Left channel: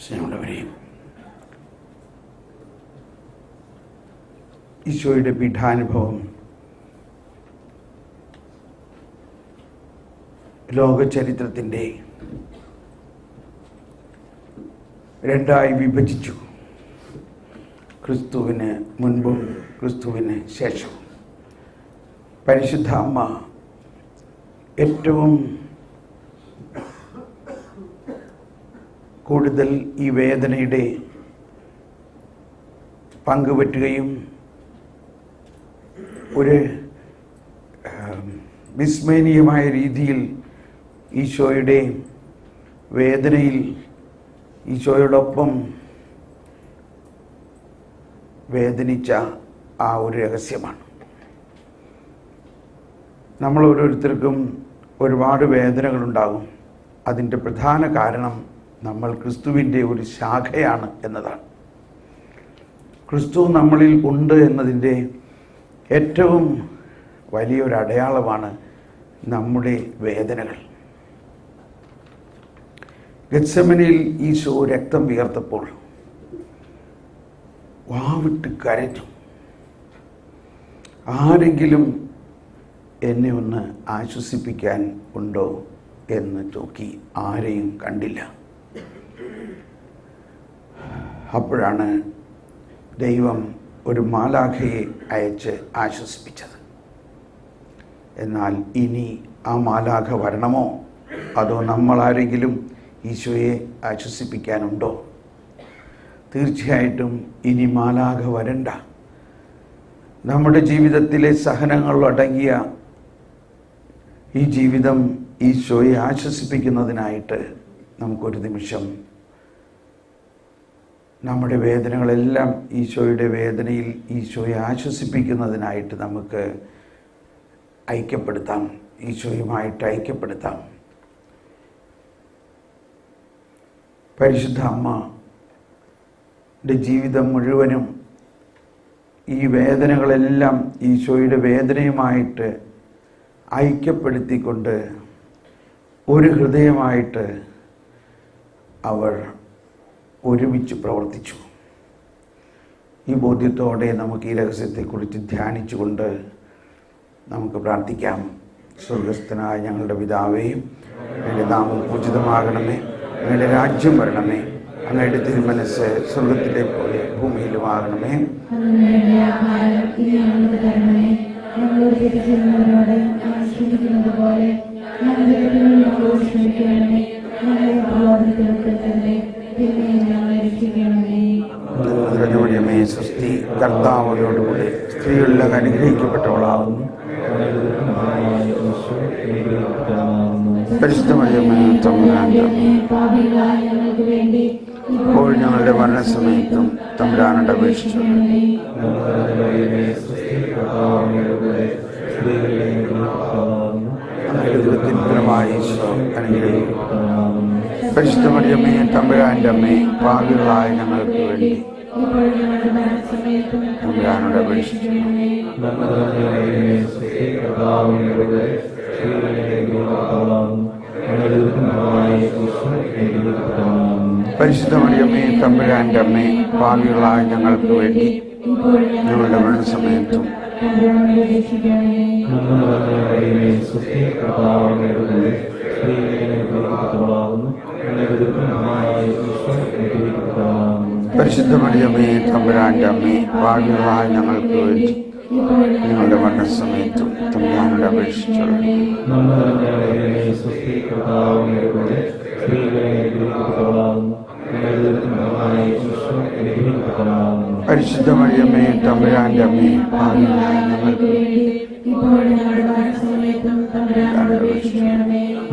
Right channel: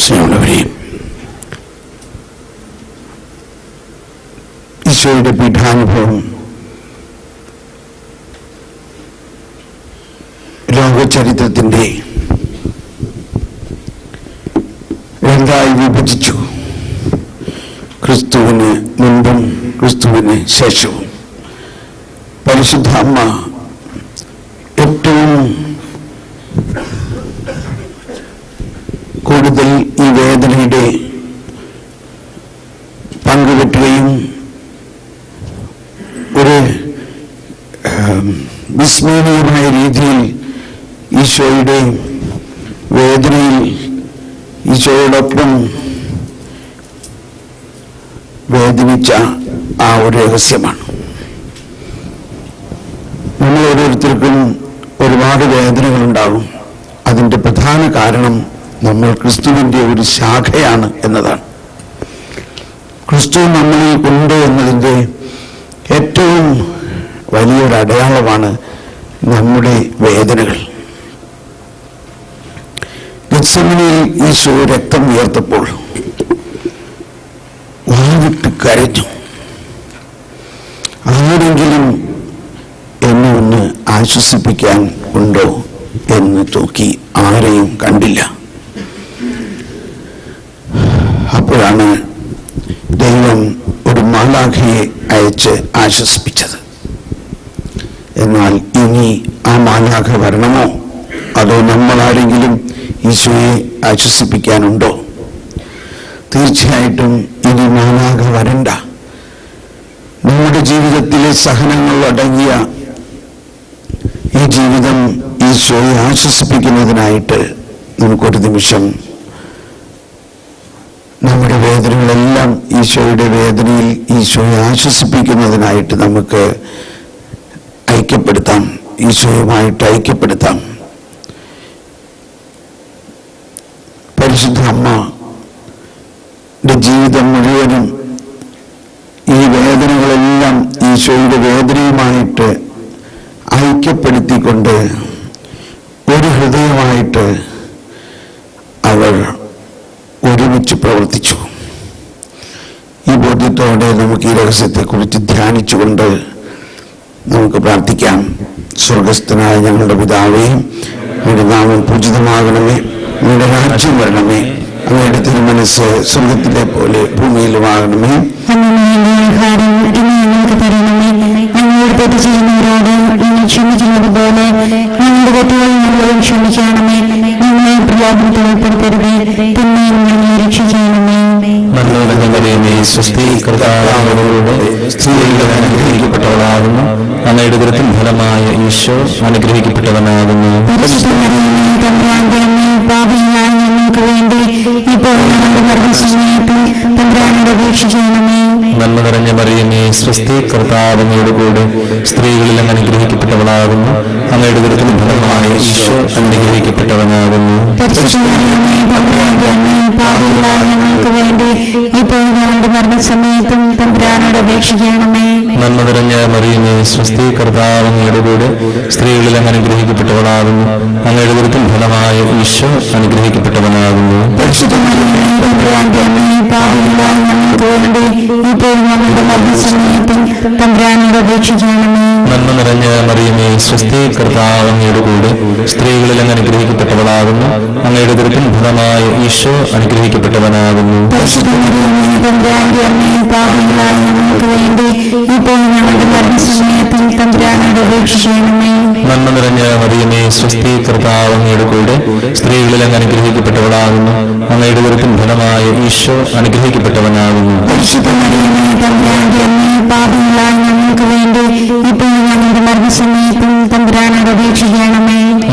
സ്നേഹമുള്ളവരെയും ഈശോയുടെ പീഠാനുഭവം ലോകചരിത്രത്തിൻ്റെ രണ്ടായി വിഭജിച്ചു. ക്രിസ്തുവിന് മുൻപും ക്രിസ്തുവിന് ശേഷവും. പരിശുദ്ധ അമ്മ ഏറ്റവും കൂടുതൽ ഈ വേദനയുടെ പങ്കുപറ്റുകയും ഒരു വിസ്മരണീയമായ രീതിയിൽ ഈശോയുടെ വേദനയിൽ ഈശോയോടൊപ്പം വേദനിച്ച ആ ഒരു രഹസ്യമാണ്. നമ്മൾ ഓരോരുത്തർക്കും ഒരുപാട് വേദനകളുണ്ടാകും. അതിൻ്റെ പ്രധാന കാരണം നമ്മൾ ക്രിസ്തുവിൻ്റെ ഒരു ശാഖയാണ് എന്നതാണ്. ക്രിസ്തു നമ്മളിൽ ഉണ്ട് എന്നതിൻ്റെ ഏറ്റവും വലിയൊരു അടയാളമാണ് നമ്മുടെ വേദനകൾ. ഗെത്സമനിയിൽ ഈശോ രക്തം ഉയർത്തപ്പോൾ വാവിട്ട് കരഞ്ഞു. ആരെങ്കിലും എന്നെ ഒന്ന് ആശ്വസിപ്പിക്കാൻ ഉണ്ടോ എന്ന് നോക്കി ആരെയും കണ്ടില്ല. അപ്പോഴാണ് ദൈവം ഒരു മാലാഖയെ അയച്ച് ആശ്വസിപ്പിച്ചത്. എന്നാൽ ഇനി ആ മാലാഖ വരണമോ, അതോ നമ്മൾ ആരെങ്കിലും ഈശോയെ ആശ്വസിപ്പിക്കാനുണ്ടോ? തീർച്ചയായിട്ടും ഇനി മാലാഖ വരണ്ട. നമ്മുടെ ജീവിതത്തിലെ സഹനങ്ങൾ അടങ്ങിയ ഈ ജീവിതം ഈശോയെ ആശ്വസിപ്പിക്കുന്നതിനായിട്ട് നമുക്കൊരു നിമിഷം നമ്മുടെ വേദനകളെല്ലാം ഈശോയുടെ വേദനയിൽ ഈശോയെ ആശ്വസിപ്പിക്കുന്നതിനായിട്ട് നമുക്ക് ഐക്യപ്പെടുത്താം, ഈശോയുമായിട്ട് ഐക്യപ്പെടുത്താം. പരിശുദ്ധ അമ്മയുടെ ജീവിതം മുഴുവനും ഈ വേദനകളെല്ലാം ഈശോയുടെ വേദനയുമായിട്ട് ഐക്യപ്പെടുത്തിക്കൊണ്ട് ഒരു ഹൃദയമായിട്ട് അവർ ഒരുമിച്ച് പ്രവർത്തിച്ചു. ഈ ബോധ്യത്തോടെ നമുക്ക് ഈ രഹസ്യത്തെക്കുറിച്ച് ധ്യാനിച്ചുകൊണ്ട് നമുക്ക് പ്രാർത്ഥിക്കാം. സ്വർഗസ്ഥനായ ഞങ്ങളുടെ പിതാവേ, അങ്ങയുടെ നാമം പൂജിതമാകണമേ, അങ്ങയുടെ രാജ്യം വരണമേ, അങ്ങയുടെ തിരുമനസ്സ് സ്വർഗത്തിലെ പോലെ ഭൂമിയിലുമാകണമേ. അനുഗ്രഹിക്കപ്പെട്ടവളാകുന്നു, അങ്ങയുടെ ദുരിതത്തിൻ ഫലമായ ഈശോ അനുഗ്രഹിക്കപ്പെട്ടവനാകുന്നു. നന്മ നിറഞ്ഞ മറിയമേ, സ്വസ്തി, കർത്താവ് അങ്ങയോടുകൂടെ സ്ത്രീകളിൽ അങ്ങ് അനുഗ്രഹിക്കപ്പെട്ടവളാകുന്നു, അങ്ങയുടെ ദുരിതത്തിൻ ഫലമായ ഈശോ അനുഗ്രഹിക്കപ്പെട്ടവനാകുന്നു. നന്മ നിറഞ്ഞ മറിയമേ, സ്വസ്തി, കർത്താവ് അങ്ങയോടുകൂടെ സ്ത്രീകളിൽ അങ്ങ് അനുഗ്രഹിക്കപ്പെട്ടവളാകുന്നു, അങ്ങയുടെ ദുരിതത്തിൻ ഫലമായ ഈശോ അനുഗ്രഹിക്കപ്പെട്ടവനാകുന്നു. നന്മ നിറഞ്ഞ മറിയമേ, സ്വസ്തി, കർത്താവ് അങ്ങയോടുകൂടെ സ്ത്രീകളിൽ അങ്ങ് അനുഗ്രഹിക്കപ്പെട്ടവളാകുന്നു, അങ്ങയുടെ ദുരിതത്തിൻ ഫലമായ ഈശോ അനുഗ്രഹിക്കപ്പെട്ടവനാകുന്നു. നന്മ നിറഞ്ഞ മറിയമേ, സ്വസ്തി, കർത്താവ് അങ്ങയോടുകൂടെ സ്ത്രീകളിൽ അങ്ങ് അനുഗ്രഹിക്കപ്പെട്ടവളാകുന്നു, അങ്ങയുടെ ദുരിതത്തിൻ ഫലമായ ഈശോ അനുഗ്രഹിക്കപ്പെട്ടവനാകുന്നു.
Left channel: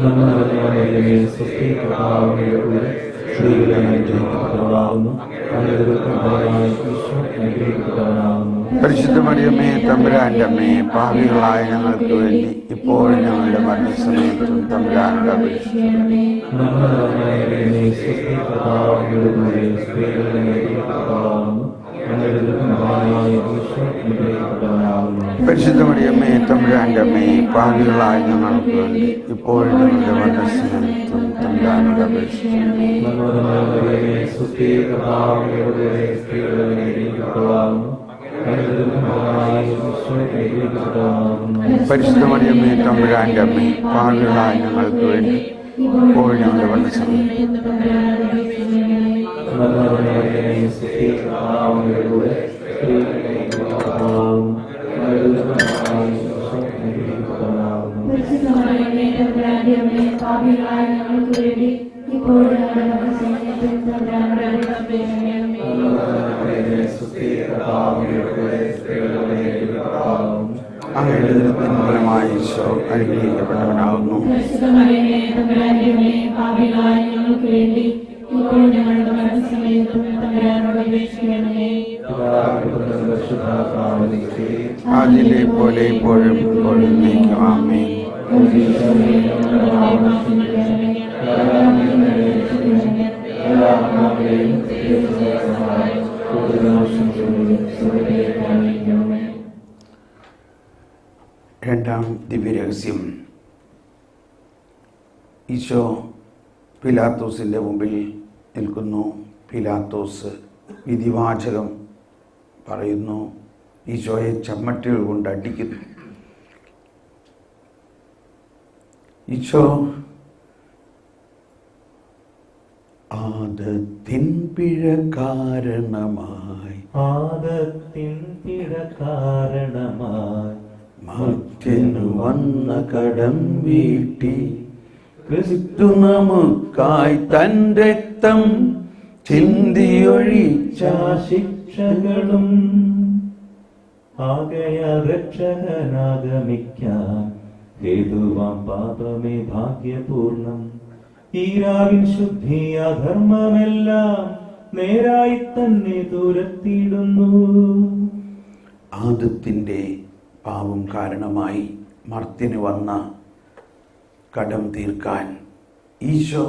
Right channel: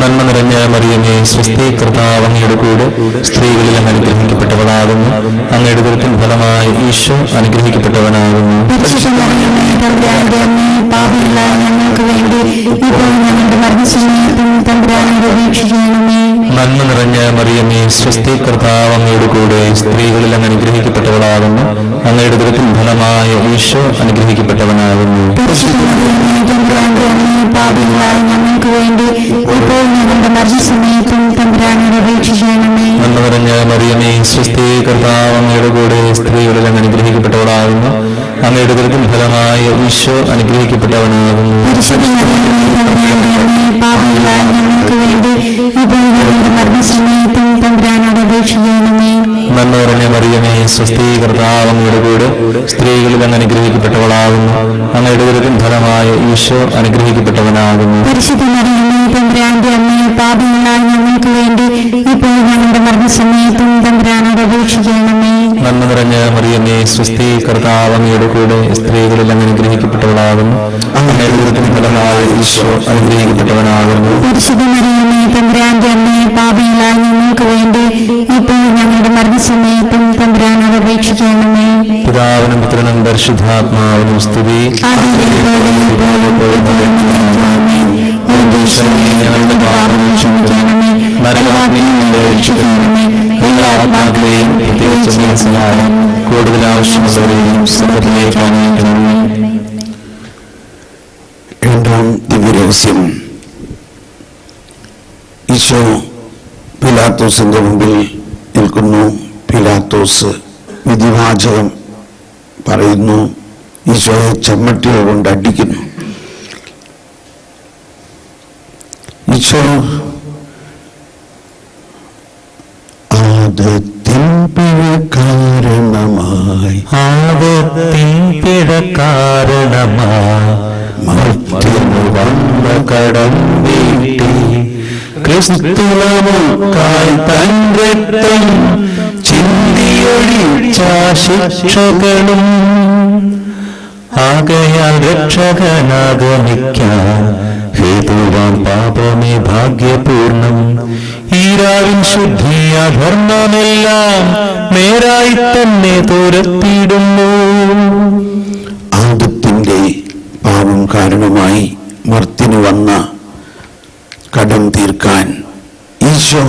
നന്മ നിറഞ്ഞ മറിയമേ, സ്വസ്തി, കർത്താവ് അങ്ങയോടുകൂടെ സ്ത്രീകളിൽ അങ്ങ് അനുഗ്രഹിക്കപ്പെട്ടവളാകുന്നു, അങ്ങയുടെ ദുരിതത്തിൻ ഫലമായ ഈശോ അനുഗ്രഹിക്കപ്പെട്ടവനാകുന്നു. നന്മ നിറഞ്ഞ മറിയമേ, സ്വസ്തി, കർത്താവ് അങ്ങയോടുകൂടെ സ്ത്രീകളിൽ അങ്ങ് അനുഗ്രഹിക്കപ്പെട്ടവളാകുന്നു, അങ്ങയുടെ ദുരിതത്തിൻ ഫലമായ ഈശോ അനുഗ്രഹിക്കപ്പെട്ടവനാകുന്നു. നന്മ നിറഞ്ഞ മറിയമേ സ്വസ്തി കർത്താവ് അങ്ങയുടെ കൂടെ സ്ത്രീകളിൽ അങ്ങ് അനുഗ്രഹിക്കപ്പെട്ടവളാകുന്നു അങ്ങയുടെ ദുരിതം ഫലമായ ഈശോ അനുഗ്രഹിക്കപ്പെട്ടവനാകുന്നു നന്മ മറിയമേ സ്വസ്തി കർത്താവ് അങ്ങയുടെ കൂടെ സ്ത്രീകളിൽ അങ്ങ് അനുഗ്രഹിക്കപ്പെട്ടവളാകുന്നു അങ്ങയുടെ ദുരിതം ഫലമായ ഈശോ അനുഗ്രഹിക്കപ്പെട്ടവനാകുന്നു നന്മ നിറഞ്ഞ മറിയമേ സ്വസ്തി കർത്താവ് അങ്ങയുടെ കൂടെ സ്ത്രീകളിൽ അങ്ങ് അനുഗ്രഹിക്കപ്പെട്ടവളാകുന്നു അങ്ങയുടെ ദുരിതം ഫലമായ ഈശോ അനുഗ്രഹിക്കപ്പെട്ടവനാകുന്നു പിതാവിനും പുത്രനും പരിശുദ്ധാത്മാവിനും സ്തുതി. ഞങ്ങളുടെ പാപം ക്ഷമിക്കണമേ, നരകാഗ്നിയിൽ രക്ഷിക്കണമേ, എല്ലാ ആത്മാക്കളെയും പ്രത്യേകിച്ച് കൂടുതൽ ആവശ്യമുള്ളവരെയും സ്വർഗ്ഗത്തിലേക്ക് ആനയിക്കണമേ. രണ്ടാം ദിവ്യരഹസ്യം. ഈശോ പിലാത്തോസിന്റെ മുമ്പിൽ നിൽക്കുന്നു. പിലാത്തോസ് വിധിവാചകം പറയുന്നു. ഈശോയെ ചെമ്മട്ടികൾ കൊണ്ട് അടിക്കുന്നു. ഈശോ ആദത്തിൻ പിഴ കാരണമായി മർത്യനു വന്ന കടം വീട്ടി ക്രിസ്തുവിനായി തൻ രക്തം ചിന്തിയൊഴിച്ച ശിക്ഷകളും ആകയാൽ രക്ഷകനാഗമിക്കാൻ ഹേതുവാൻ പാപമേ ഭാഗ്യപൂർണം. ഈരാവിൻ ശുദ്ധിയ ധർമ്മമെല്ലാം നേരായി തന്നെ തുരത്തിയിടുന്നു. ആദത്തിന്റെ പാപം കാരണമായി മർത്യന് വന്ന കടം തീർക്കാൻ ഈശോ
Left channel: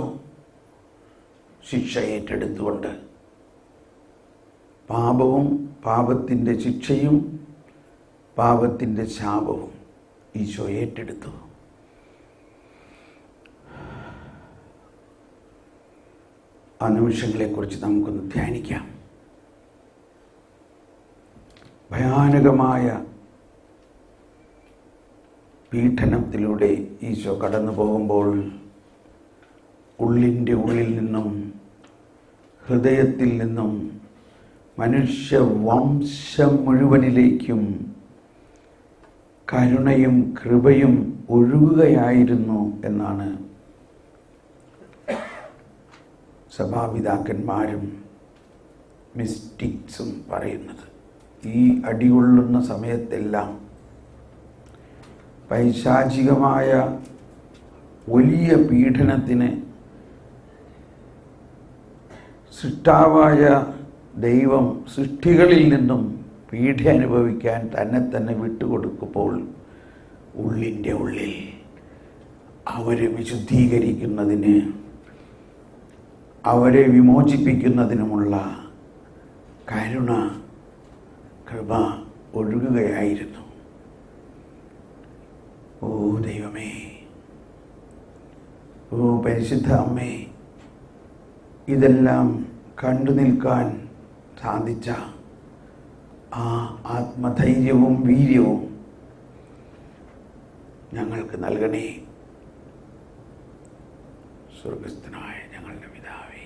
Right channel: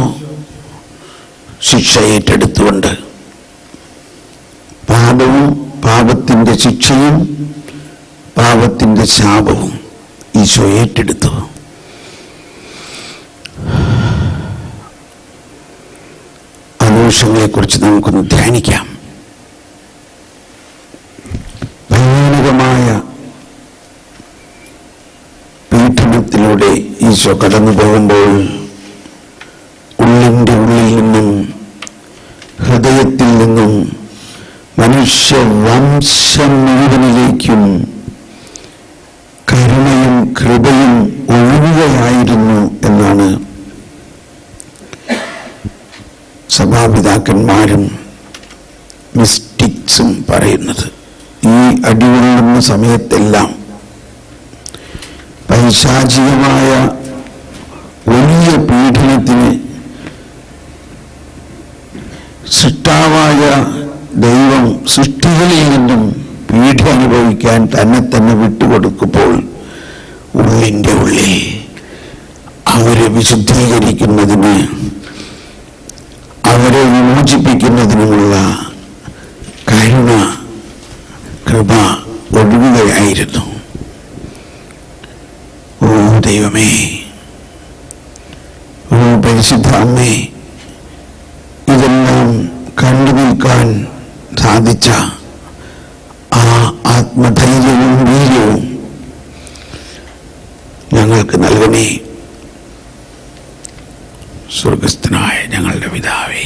ശിക്ഷ ഏറ്റെടുത്തുകൊണ്ട് പാപവും പാപത്തിന്റെ ശിക്ഷയും പാപത്തിന്റെ ശാപവും ഈശോ ഏറ്റെടുത്തു. ആ നിമിഷങ്ങളെക്കുറിച്ച് നമുക്കൊന്ന് ധ്യാനിക്കാം. ഭയാനകമായ പീഡനത്തിലൂടെ ഈശോ കടന്നു പോകുമ്പോൾ ഉള്ളിൻ്റെ ഉള്ളിൽ നിന്നും ഹൃദയത്തിൽ നിന്നും മനുഷ്യവംശം മുഴുവനിലേക്കും കരുണയും കൃപയും ഒഴുകുകയായിരുന്നു എന്നാണ് സഭാപിതാക്കന്മാരും മിസ്റ്റിക്സും പറയുന്നത്. ഈ അടികൊള്ളുന്ന സമയത്തെല്ലാം പൈശാചികമായ വലിയ പീഡനത്തിന് സൃഷ്ടാവായ ദൈവം സൃഷ്ടികളിൽ നിന്നും പീഡ അനുഭവിക്കാൻ തന്നെ തന്നെ വിട്ടുകൊടുക്കുമ്പോൾ ഉള്ളിൻ്റെ ഉള്ളിൽ അവരെ വിശുദ്ധീകരിക്കുന്നതിന്, അവരെ വിമോചിപ്പിക്കുന്നതിനുമുള്ള കരുണ കൃപ ഒഴുകുകയായിരുന്നു. ഓ ദൈവമേ, ഓ പരിശുദ്ധ അമ്മേ, ഇതെല്ലാം കണ്ടു നിൽക്കാൻ സാധിച്ച ആ ആത്മധൈര്യവും വീര്യവും ഞങ്ങൾക്ക് നൽകണേ. സ്വർഗസ്ഥനായ ഞങ്ങളുടെ പിതാവേ,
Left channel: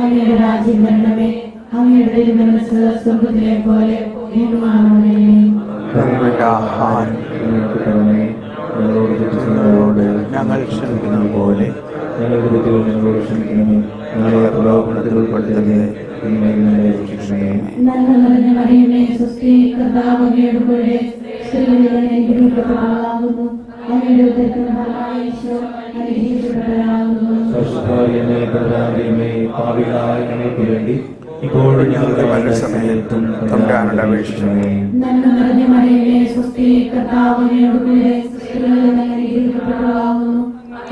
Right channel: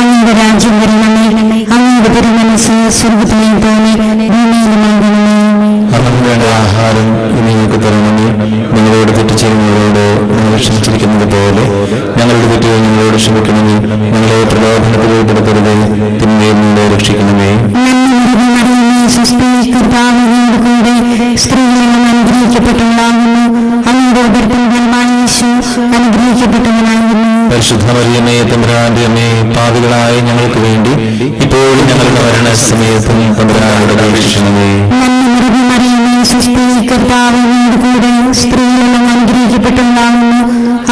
അങ്ങയുടെ രാജ്യം വരണമേ, അങ്ങയുടെ തിരുമനസ്സ് സ്വർഗ്ഗത്തിലെ പോലെ ഭൂമിയിലുമാകണമേ. അങ്ങയുടെ ആഹാരം നിങ്ങൾക്ക് തരണമേ. നിങ്ങളോട് തെറ്റ് ചെയ്യുന്നവരോട് ഞങ്ങൾ ക്ഷമിച്ചിരിക്കുന്നത് പോലെ ഞങ്ങളുടെ തെറ്റുകൾ നിങ്ങളോട് ക്ഷമിക്കണമേ. ഞങ്ങളെ പ്രലോഭനത്തിൽ ഉൾപ്പെടുത്തരുതേ, തിന്മയിൽ നിന്ന് രക്ഷിക്കണമേ. കൂടെ സ്ത്രീകളിലും അനുഗ്രഹിക്കപ്പെട്ടവളാകുന്നു. അങ്ങയുടെ ഉദരത്തിൻ ഫലമായ യേശു അനുഗ്രഹിക്കപ്പെട്ടവനാകുന്നു. പരിശുദ്ധ മറിയമേ, തമ്പുരാന്റെ അമ്മേ, പാപികളായ ഞങ്ങൾക്ക് വേണ്ടി ഇപ്പോഴും ഞങ്ങളുടെ മരണസമയത്തും തമ്പുരാനോട് അപേക്ഷിക്കണമേ. കർത്താവിനോട് കൂടെ സ്ത്രീകളിലും അനുഗ്രഹിക്കപ്പെട്ടവളാകുന്നു.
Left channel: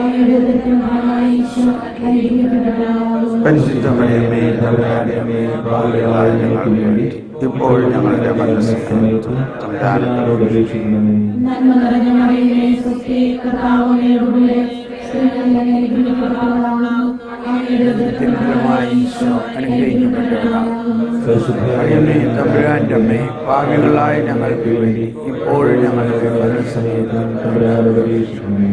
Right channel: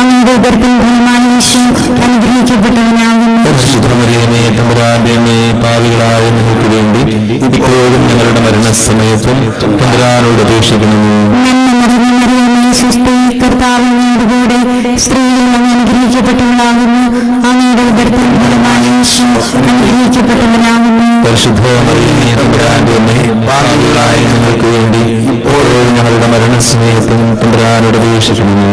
അങ്ങയുടെ ഉദരത്തിൻ ഫലമായ യേശു അനുഗ്രഹിക്കപ്പെട്ടവനാകുന്നു. പരിശുദ്ധ മറിയമേ, തമ്പുരാന്റെ അമ്മേ, പാപികളായ ഞങ്ങൾക്ക് വേണ്ടി ഇപ്പോഴും ഞങ്ങളുടെ മരണസമയത്തും തമ്പുരാനോട് അപേക്ഷിക്കണമേ. കർത്താവിനോട് കൂടെ സ്ത്രീകളെല്ലാം അനുഗ്രഹിക്കപ്പെട്ടവളാകുന്നു. അങ്ങയുടെ ഉദരത്തിൻ ഫലമായ ഈശോ അനുഗ്രഹിക്കപ്പെട്ടവനാകുന്നു. പരിശുദ്ധ മറിയമേ, തമ്പുരാന്റെ അമ്മേ, പാപികളായ ഞങ്ങൾക്ക് വേണ്ടി ഇപ്പോഴും ഞങ്ങളുടെ മരണസമയത്തും തമ്പുരാനോട് അപേക്ഷിക്കണമേ.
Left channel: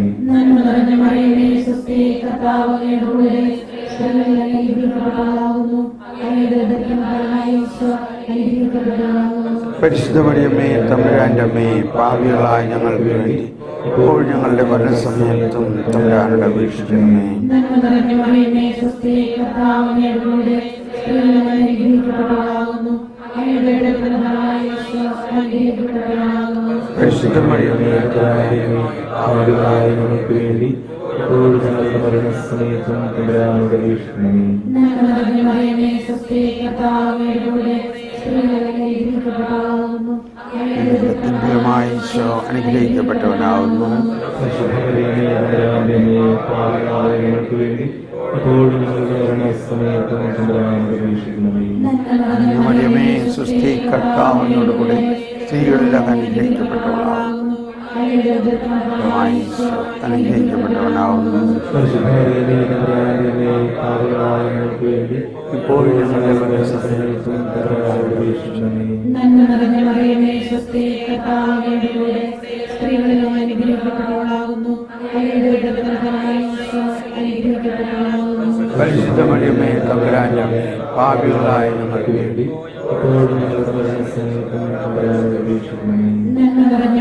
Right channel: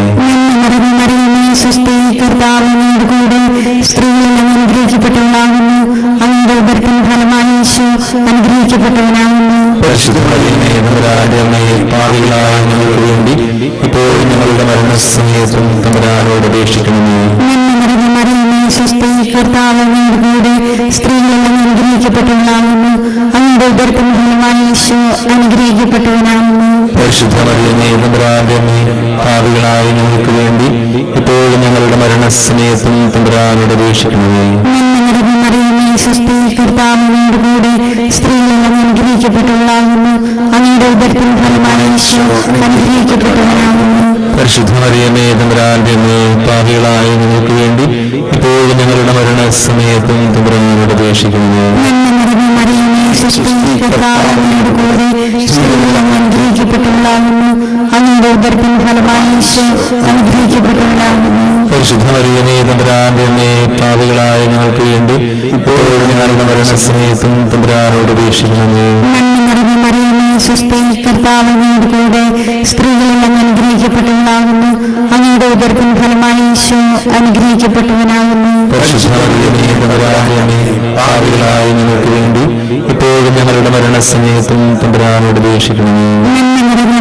മറിയമേ, സ്വസ്തി, കർത്താവ് അങ്ങയോട് കൂടെ സ്ത്രീകളെല്ലാം അനുഗ്രഹിക്കപ്പെട്ടവളാകുന്നു. അങ്ങയുടെ ഉദരത്തിൻ ഫലമായ ഈശോ അനുഗ്രഹിക്കപ്പെട്ടവനാകുന്നു. പരിശുദ്ധ മറിയമേ, തമ്പുരാന്റെ അമ്മേ, പാപികളായ ഞങ്ങൾക്ക് വേണ്ടി ഇപ്പോഴും ഞങ്ങളുടെ മരണസമയത്തും തമ്പുരാനോട് അപേക്ഷിക്കണമേ. മറിയമേ, സ്വസ്തി, കർത്താവ് അങ്ങയോട് കൂടെ സ്ത്രീകളെല്ലാം അനുഗ്രഹിക്കപ്പെട്ടവളാകുന്നു. അങ്ങയുടെ ഉദരത്തിൻ ഫലമായ ഈശോ അനുഗ്രഹിക്കപ്പെട്ടവനാകുന്നു. പരിശുദ്ധ മറിയമേ, തമ്പുരാന്റെ അമ്മേ, പാപികളായ ഞങ്ങൾക്ക് വേണ്ടി ഇപ്പോഴും ഞങ്ങളുടെ മരണസമയത്തും തമ്പുരാനോട് അപേക്ഷിക്കണമേ. മറിയമേ, സ്വസ്തി, കർത്താവ് അങ്ങയോട് കൂടെ സ്ത്രീകളെല്ലാം അനുഗ്രഹിക്കപ്പെട്ടവളാകുന്നു. അങ്ങയുടെ ഉദരത്തിൻ ഫലമായ ഈശോ അനുഗ്രഹിക്കപ്പെട്ടവനാകുന്നു. പരിശുദ്ധ മറിയമേ, തമ്പുരാന്റെ അമ്മേ, പാപികളായ ഞങ്ങൾക്ക് വേണ്ടി ഇപ്പോഴും ഞങ്ങളുടെ മരണസമയത്തും തമ്പുരാനോട് അപേക്ഷിക്കണമേ. മറിയമേ, സ്വസ്തി, കർത്താവ് അങ്ങയോട് കൂടെ സ്ത്രീകളെല്ലാം അനുഗ്രഹിക്കപ്പെട്ടവളാകുന്നു. അങ്ങയുടെ ഉദരത്തിൻ ഫലമായ ഈശോ അനുഗ്രഹിക്കപ്പെട്ടവളാകുന്നു. പരിശുദ്ധ മറിയമേ, തമ്പുരാന്റെ അമ്മേ, പാപികളായ ഞങ്ങൾക്ക് വേണ്ടി ഇപ്പോഴും ഞങ്ങളുടെ മരണസമയത്തും തമ്പുരാനോട് അപേക്ഷിക്കണമേ. മറിയമേ, സ്വസ്തി, കർത്താവ് അങ്ങയോട് കൂടെ സ്ത്രീകളെല്ലാം അനുഗ്രഹിക്കപ്പെട്ടവളാകുന്നു. അങ്ങയുടെ ഉദരത്തിൻ ഫലമായ ഈശോ അനുഗ്രഹിക്കപ്പെട്ടവനാകുന്നു. പരിശുദ്ധ മറിയമേ, തമ്പുരാന്റെ അമ്മേ, പാപികളായ ഞങ്ങൾക്ക് വേണ്ടി ഇപ്പോഴും ഞങ്ങളുടെ മരണസമയത്തും തമ്പുരാനോട് അപേക്ഷിക്കണമേ.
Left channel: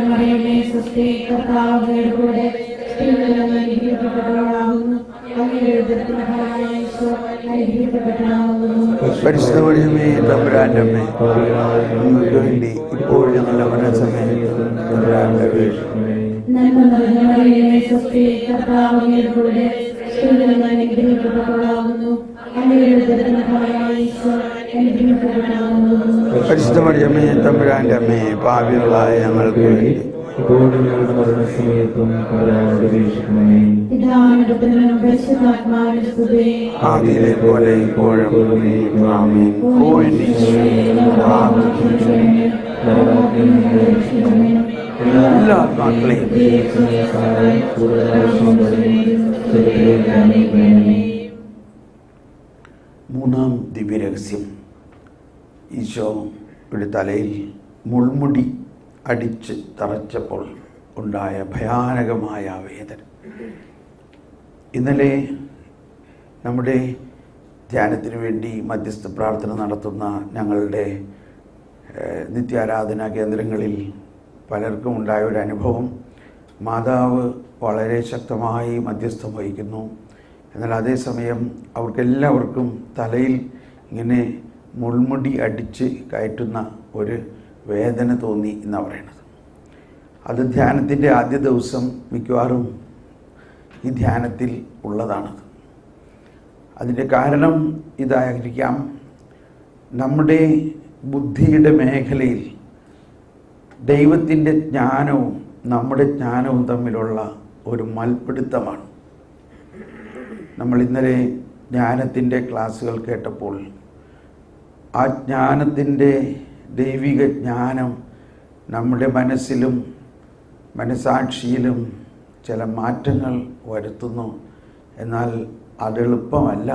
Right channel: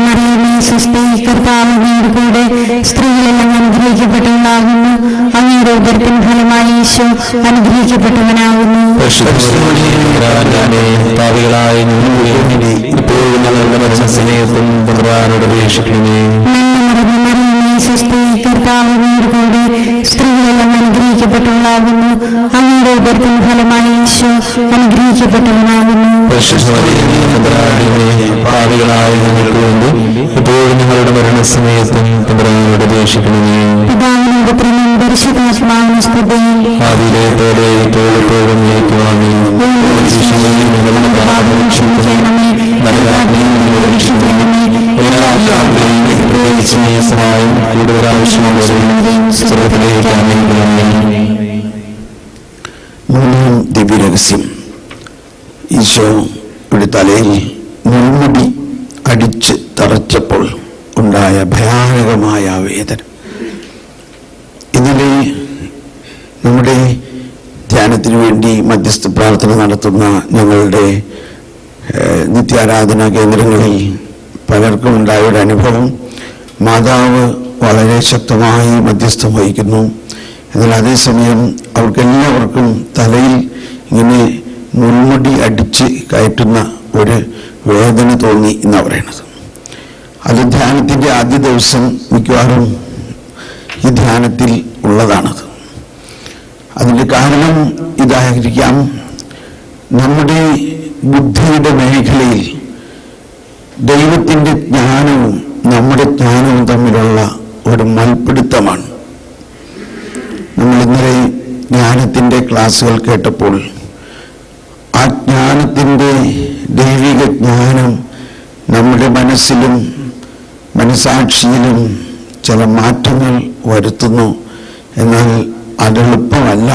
മറിയമേ, സ്വസ്തി, കർത്താവ് അങ്ങയോട് കൂടെ സ്ത്രീകളെല്ലാം അനുഗ്രഹിക്കപ്പെട്ടവളാകുന്നു. അങ്ങയുടെ ഉദരത്തിൻ ഫലമായ ഈശോ അനുഗ്രഹിക്കപ്പെട്ടവനാകുന്നു. പരിശുദ്ധ തമ്പുരാന്റെ അമ്മേ, പാപികളായ ഞങ്ങൾക്ക് വേണ്ടി ഇപ്പോഴും ഞങ്ങളുടെ മരണസമയത്തും തമ്പുരാനോട് അപേക്ഷിക്കണമേ. മറിയമേ, സ്വസ്തി, കർത്താവ് അങ്ങയോട് കൂടെ സ്ത്രീകളെല്ലാം അനുഗ്രഹിക്കപ്പെട്ടവളാകുന്നു. അങ്ങയുടെ ഉദരത്തിൻ ഫലമായ ഈശോ അനുഗ്രഹിക്കപ്പെട്ടവനാകുന്നു. പരിശുദ്ധ തമ്പുരാന്റെ അമ്മേ, പാപികളായ ഞങ്ങൾക്ക് വേണ്ടി ഇപ്പോഴും ഞങ്ങളുടെ മരണസമയത്തും തമ്പുരാനോട് അപേക്ഷിക്കണമേ. പിതാവിനും പുത്രനും പരിശുദ്ധാത്മാവിനും സ്തുതി. ആദിയിലെ പോലെ ഇപ്പോഴും നീക്കുവാമേ. ഞങ്ങളുടെ പാപം ക്ഷമിക്കണമേ. ഞങ്ങളെ രക്ഷിക്കണമേ. സഹായം കൂടുതൽ ആവശ്യമുള്ളവരെ സ്വർഗ്ഗത്തിലേക്ക് അയക്കണമേ. മൂന്നാം ദിവ്യരഹസ്യം. ഈശോയുടെ തലയിൽ മുൾമുടി അടിച്ച് തറച്ചപ്പോൾ ഉണ്ടായ ഭയാനകമായ വേദന. ഇന്നലെ നമ്മുടെ ധ്യാനത്തിനു വേണ്ടി മധ്യസ്ഥ പ്രാർത്ഥന നടത്തുന്ന ഞങ്ങളുടെ നിത്യാരാധനാ കേന്ദ്രങ്ങളിൽ പലർക്കും ഉണ്ടായ ഒരു അനുഭവം, മാതാവ് വളരെ ശക്തമായി മധ്യസ്ഥം വഹിക്കുന്നു. എന്നാൽ അതേസമയം അവർക്കെല്ലാവർക്കും തലയിൽ ഇങ്ങനെ മുൾമുടി അടിച്ച് കയറ്റുന്ന ഒരു വേദന തോന്നി എന്നാണ് പറയണത്. അത് ധ്യാനത്തിൻ്റെ ആദ്യ ദിവസം മിക്കവാറും ഈ ധ്യാനത്തിൽ ഉള്ളതാണത്. അതിൻ്റെ കാരണം ഇതായിരിക്കാം, നമ്മുടെ ബുദ്ധിയുടെ മേഖലയിൽ ദൈവത്തിൻ്റെ ജ്ഞാനവും നമ്മുടെ ജ്ഞാനവും തമ്മിലുള്ള ഒരു മൽപ്പിടുത്തമാണ്. നമ്മൾ ഇന്നലെ ജ്ഞാനത്തിൻ്റെ ക്ലാസ്സുകൾ കേട്ടപ്പോൾ ആ ജ്ഞാനത്തിൻ്റെ ദൈവിക ജ്ഞാനം നമ്മുടെ മനസ്സിലും മനസാക്ഷിയിലും ചില മാറ്റങ്ങൾ വരുത്തുന്നു. എന്നാൽ അതെളുപ്പമല്ല,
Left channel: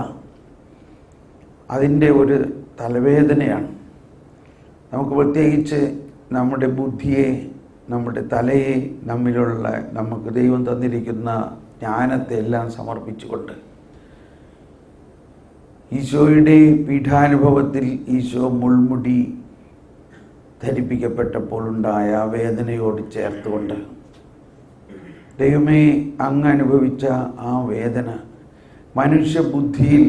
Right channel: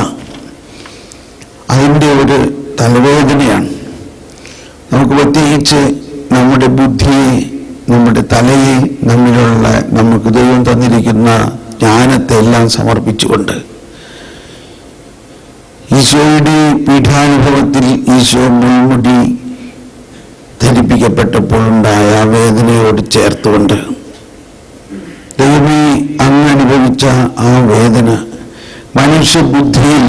അതിൻ്റെ ഒരു തലവേദനയാണ്. നമുക്ക് പ്രത്യേകിച്ച് നമ്മുടെ ബുദ്ധിയെ, നമ്മുടെ തലയെ, നമ്മിലുള്ള നമുക്ക് ദൈവം തന്നിരിക്കുന്ന ജ്ഞാനത്തെ എല്ലാം സമർപ്പിച്ചുകൊണ്ട് ഈശോയുടെ പീഠാനുഭവത്തിൽ ഈശോ മുൾമുടി ധരിപ്പിക്കപ്പെട്ടപ്പോൾ ഉണ്ടായ വേദനയോട് ചേർത്തുകൊണ്ട്, ദൈവമേ അങ്ങ് അനുഭവിച്ച ആ വേദന മനുഷ്യബുദ്ധിയിൽ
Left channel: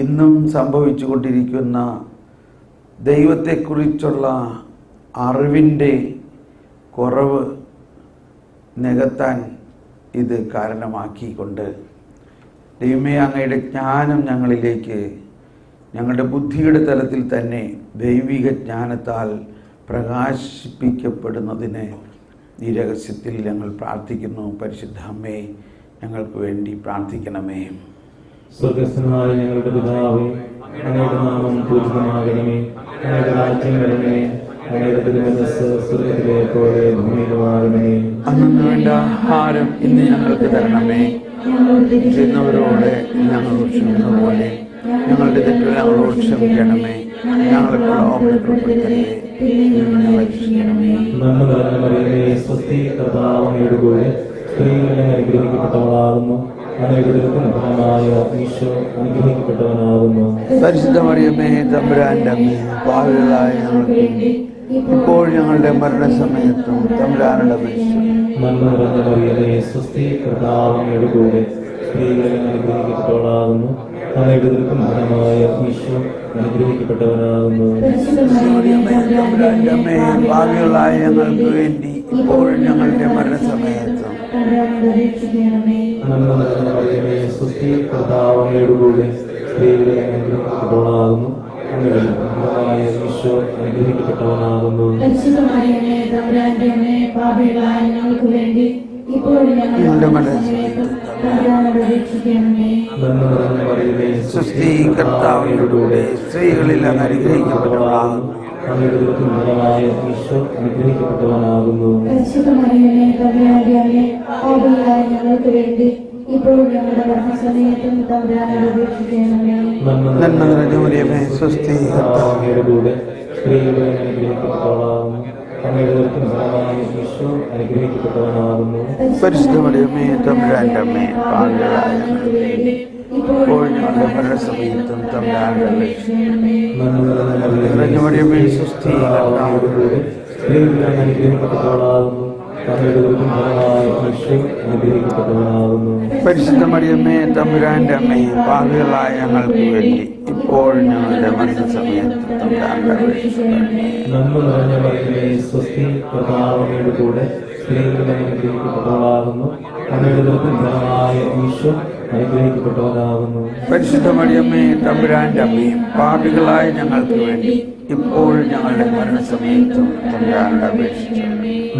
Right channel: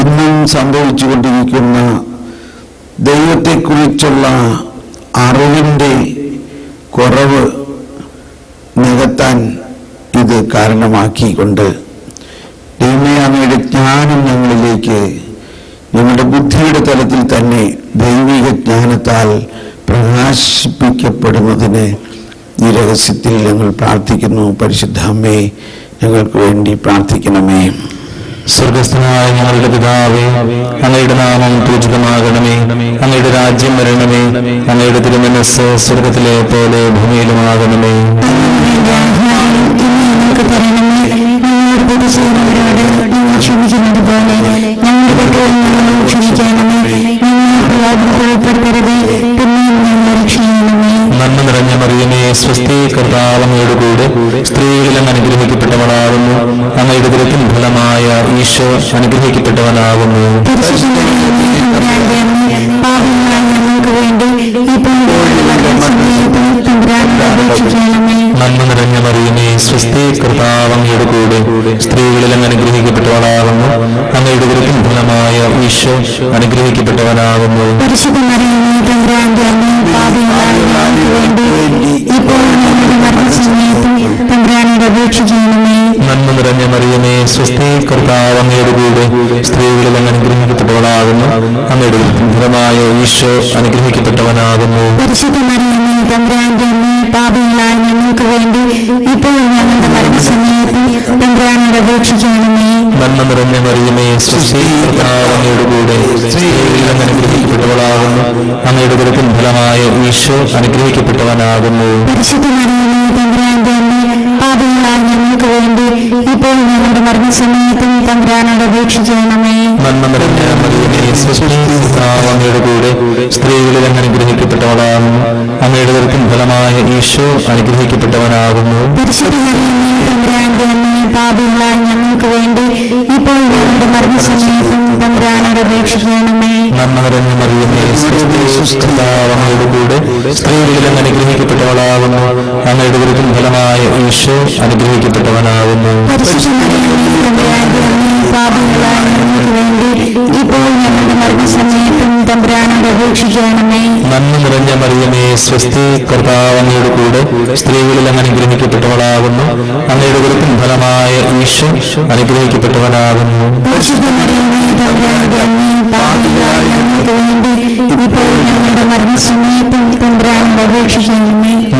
ഇന്നും സംഭവിച്ചുകൊണ്ടിരിക്കുന്ന ദൈവത്തെക്കുറിച്ചുള്ള അറിവിൻ്റെ കുറവ് നികത്താൻ ഇത് കാരണമാക്കിക്കൊണ്ട് ദൈവമേ അങ്ങയുടെ ജ്ഞാനം ഞങ്ങളിലേക്ക്, ഞങ്ങളുടെ ബുദ്ധിയുടെ തലത്തിൽ തന്നെ ദൈവിക ജ്ഞാനത്താൽ പ്രകാശിപ്പിക്കപ്പെടുന്നതിന് ഈ രഹസ്യത്തിൽ ഞങ്ങൾ പ്രാർത്ഥിക്കുന്നു. പരിശുദ്ധ അമ്മേ, ഞങ്ങൾക്ക് വേണ്ടി പ്രാർത്ഥിക്കണമേ. സ്വർഗസ്ഥനായ ഞങ്ങളുടെ പിതാവേ, അങ്ങയുടെ നാമം പൂജിതമാകണമേ. അങ്ങയുടെ രാജ്യം വരണമേ. അങ്ങയുടെ തിരുമനസ്സ് സ്വർഗത്തിലെ പോലെ ഭൂമിയിലുമാകണമേ. ഞങ്ങൾക്ക് തരണമേ. ഞങ്ങളോട് തെറ്റ് ചെയ്യുന്നവരോട് ഞങ്ങൾ ക്ഷമിക്കുന്നത് പോലെ ഞങ്ങളുടെ തെറ്റുകളോട് ക്ഷമിക്കണമേ. ഞങ്ങളെ ഉൾപ്പെടുത്തരുതേ, പിന്നെയും ഞങ്ങളെ രക്ഷിക്കണമേ. നന്മ നിറഞ്ഞ മറിയമേ, സ്വസ്തി, കർത്താവ് അങ്ങയുടെ കൂടെ സ്ത്രീകളിലും അനുഗ്രഹിക്കപ്പെട്ടവളാകുന്നു. അങ്ങയുടെ ദുരിതത്തിൻ ഫലമായ ഈശോ അനുഗ്രഹിക്കപ്പെട്ടവനാകുന്നു. നന്മ നിറഞ്ഞ മറിയമേ, സ്വസ്തി, കർത്താവ് അങ്ങയുടെ കൂടെ സ്ത്രീകളിലും അനുഗ്രഹിക്കപ്പെട്ടവളാകുന്നു. അങ്ങയുടെ ദുരിതത്തിൻ ഫലമായ ഈശോ അനുഗ്രഹിക്കപ്പെട്ടവനാകുന്നു. നന്മ നിറഞ്ഞ മറിയമേ, സ്വസ്തി, കർത്താവ് അങ്ങയുടെ കൂടെ സ്ത്രീകളിലും അനുഗ്രഹിക്കപ്പെട്ടവളാകുന്നു. അങ്ങയുടെ ഫലമായ ഈശോ അനുഗ്രഹിക്കപ്പെട്ടവനാകുന്നു. ഞങ്ങൾക്ക് വേണ്ടി ഇപ്പോൾ ഞങ്ങളുടെ മരണസമയത്ത് തമ്പുരാനോട് അപേക്ഷിക്കണമേ. നന്മ നിറഞ്ഞ മറിയമേ, സ്വസ്തി, കർത്താവ് അങ്ങയുടെ കൂടെ സ്ത്രീകളിലും അനുഗ്രഹിക്കപ്പെട്ടവളാകുന്നു. അങ്ങയുടെ ദുരിതത്തിൻ ഫലമായ ഈശോ അനുഗ്രഹിക്കപ്പെട്ടവനാകുന്നു. ഞങ്ങൾക്ക് വേണ്ടി ഇപ്പോൾ ഞങ്ങളുടെ മരണസമയത്തും തമ്പുരാനോട് അപേക്ഷിക്കണമേ. നന്മ നിറഞ്ഞ മറിയമേ, സ്വസ്തി, കർത്താവ് അങ്ങയുടെ കൂടെ സ്ത്രീകളിലും അനുഗ്രഹിക്കപ്പെട്ടവളാകുന്നു. അങ്ങയുടെ ദുരിതത്തിൻ ഫലമായ ഈശോ അനുഗ്രഹിക്കപ്പെട്ടവനാകുന്നു. ഞങ്ങൾക്ക് വേണ്ടി ഇപ്പോൾ ഞങ്ങളുടെ മരണസമയത്തും തമ്പുരാനോട് അപേക്ഷിക്കണമേ. നന്മ നിറഞ്ഞ മറിയമേ, സ്വസ്തി, കർത്താവ് അങ്ങയുടെ കൂടെ സ്ത്രീകളിലും അനുഗ്രഹിക്കപ്പെട്ടവളാകുന്നു. അങ്ങയുടെ ദുരിതത്തിൻ ഫലമായ ഈശോ അനുഗ്രഹിക്കപ്പെട്ടവനാകുന്നു. ഇപ്പോൾ ഞങ്ങളുടെ മരണസമയത്തും തമ്പുരാനോട് അപേക്ഷിക്കണമേ. നന്മ നിറഞ്ഞ മറിയമേ, സ്വസ്തി, കർത്താവ് അങ്ങയുടെ കൂടെ സ്ത്രീകളിലും അനുഗ്രഹിക്കപ്പെട്ടവളാകുന്നു. അങ്ങയുടെ ദുരിതത്തിൻ ഫലമായ ഈശോ അനുഗ്രഹിക്കപ്പെട്ടവനാകുന്നു.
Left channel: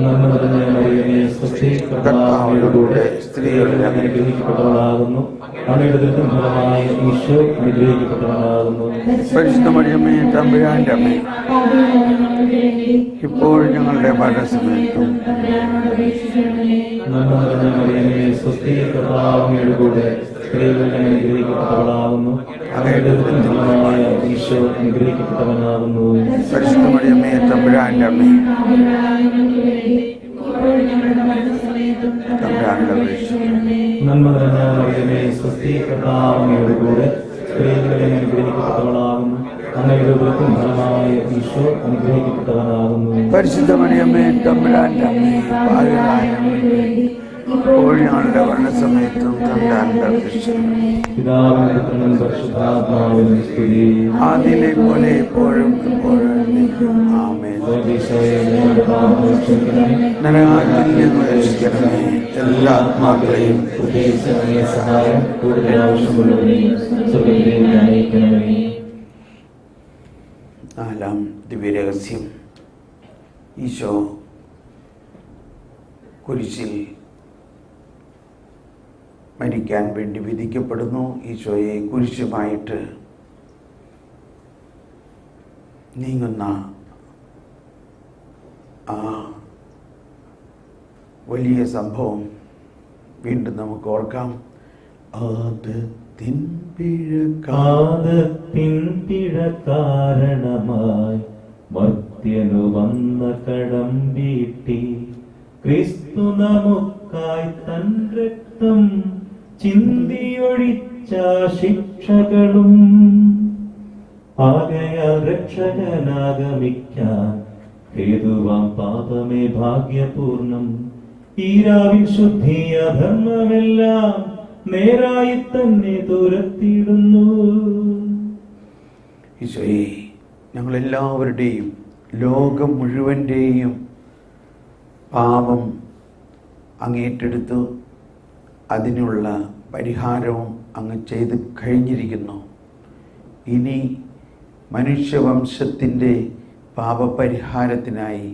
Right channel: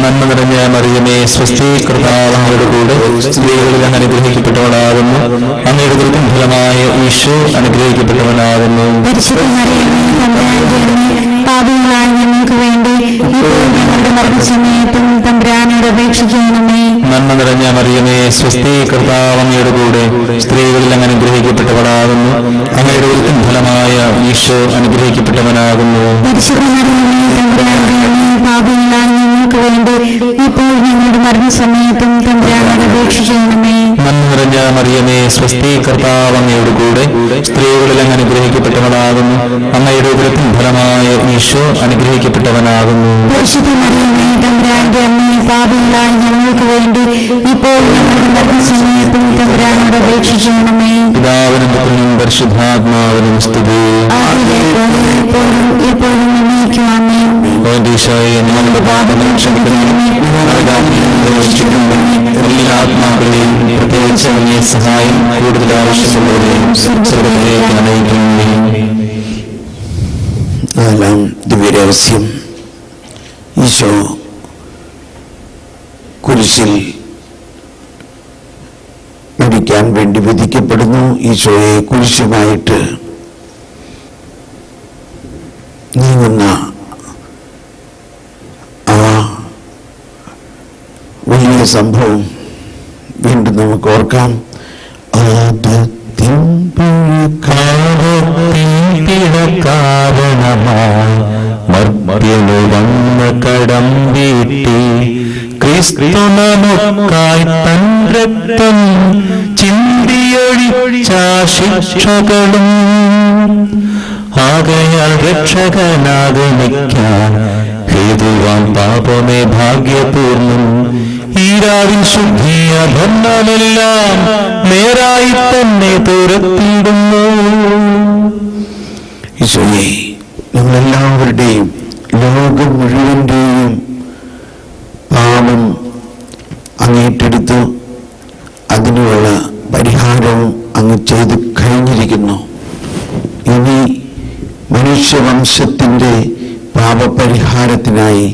നന്മ നിറഞ്ഞ മറിയമേ, സ്വസ്തി, കർത്താവ് അങ്ങയുടെ കൂടെ സ്ത്രീകളിലും അനുഗ്രഹിക്കപ്പെട്ടവളാകുന്നു. അങ്ങയുടെ ദുരിതത്തിൻ ഫലമായ ഈശോ അനുഗ്രഹിക്കപ്പെട്ടവനാകുന്നു. ഞങ്ങൾക്ക് വേണ്ടി ഇപ്പോൾ ഞങ്ങളുടെ മരണസമയത്തും തമ്പുരാനോട് അപേക്ഷിക്കണമേ. നന്മ നിറഞ്ഞ മറിയമേ, സ്വസ്തി, കർത്താവ് അങ്ങയുടെ കൂടെ സ്ത്രീകളിലും അനുഗ്രഹിക്കപ്പെട്ടവളാകുന്നു. അങ്ങയുടെ ദുരിതത്തിൻ ഫലമായ ഈശോ അനുഗ്രഹിക്കപ്പെട്ടവനാകുന്നു. ഞങ്ങൾക്ക് വേണ്ടി ഇപ്പോൾ ഞങ്ങളുടെ മരണസമയത്തും തമ്പുരാനോട് അപേക്ഷിക്കണമേ. നന്മ നിറഞ്ഞ മറിയമേ, സ്വസ്തി, കർത്താവ് അങ്ങയുടെ കൂടെ സ്ത്രീകളിലും അനുഗ്രഹിക്കപ്പെട്ടവളാകുന്നു. അങ്ങയുടെ ദുരിതത്തിൻ ഫലമായ ഈശോ അനുഗ്രഹിക്കപ്പെട്ടവനാകുന്നു. ഞങ്ങൾക്ക് വേണ്ടി ഇപ്പോൾ ഞങ്ങളുടെ മരണസമയത്തും തമ്പുരാനോട് അപേക്ഷിക്കണമേ. പിതാവിനും പുത്രനും പരിശുദ്ധാത്മാവിനും സ്തുതി. ഈശോയെ, ഞങ്ങളുടെ പാപങ്ങൾ ക്ഷമിക്കണമേ. എല്ലാ ആത്മാക്കളെയും പ്രത്യേകിച്ച് വലിയ സഹായം കൂടുതൽ ആവശ്യമുള്ളവരെയും സ്വർഗ്ഗത്തിലേക്ക് അണയിക്കണമേ. നാലാം ദിവ്യരഹസ്യം. ഈശോ കുരിശിൽ മരിക്കാൻ വേണ്ടി വിധിക്കപ്പെടുന്നു. ഈശോയെ കുരിശുമായിട്ട് നീങ്ങുന്ന ആ വലിയ സംഭവം വീണ്ടും നമുക്ക് ഓർക്കാം. കാരണമായി മർത്യനു വന്ന് കടം വീട്ടി ക്രിസ്തു നമുക്കായി തൻ രക്തം ചിന്തിയൊഴിച്ചാശിക്ഷകളും ആകയാൽ രക്ഷകനാഗമിക്കാൻ ഹേതുവാൻ പാപമേ ഭാഗ്യപൂർണം. ഈരാവിൻ ശുദ്ധിയ ഭരണമെല്ലാം നേരായി തന്നെ തുരത്തിയിടുന്നു. ഈശോയെ, നമ്മളെല്ലാവരുടെയും ലോകം മുഴുവൻ്റെയും പാപം അങ്ങേറ്റെടുത്തു. അതിനുള്ള പരിഹാരവും അങ്ങ് ചെയ്തു കഴിഞ്ഞിരിക്കുന്നു. ഇനി മനുഷ്യവംശത്തിൻ്റെ പാപപരിഹാരത്തിനായി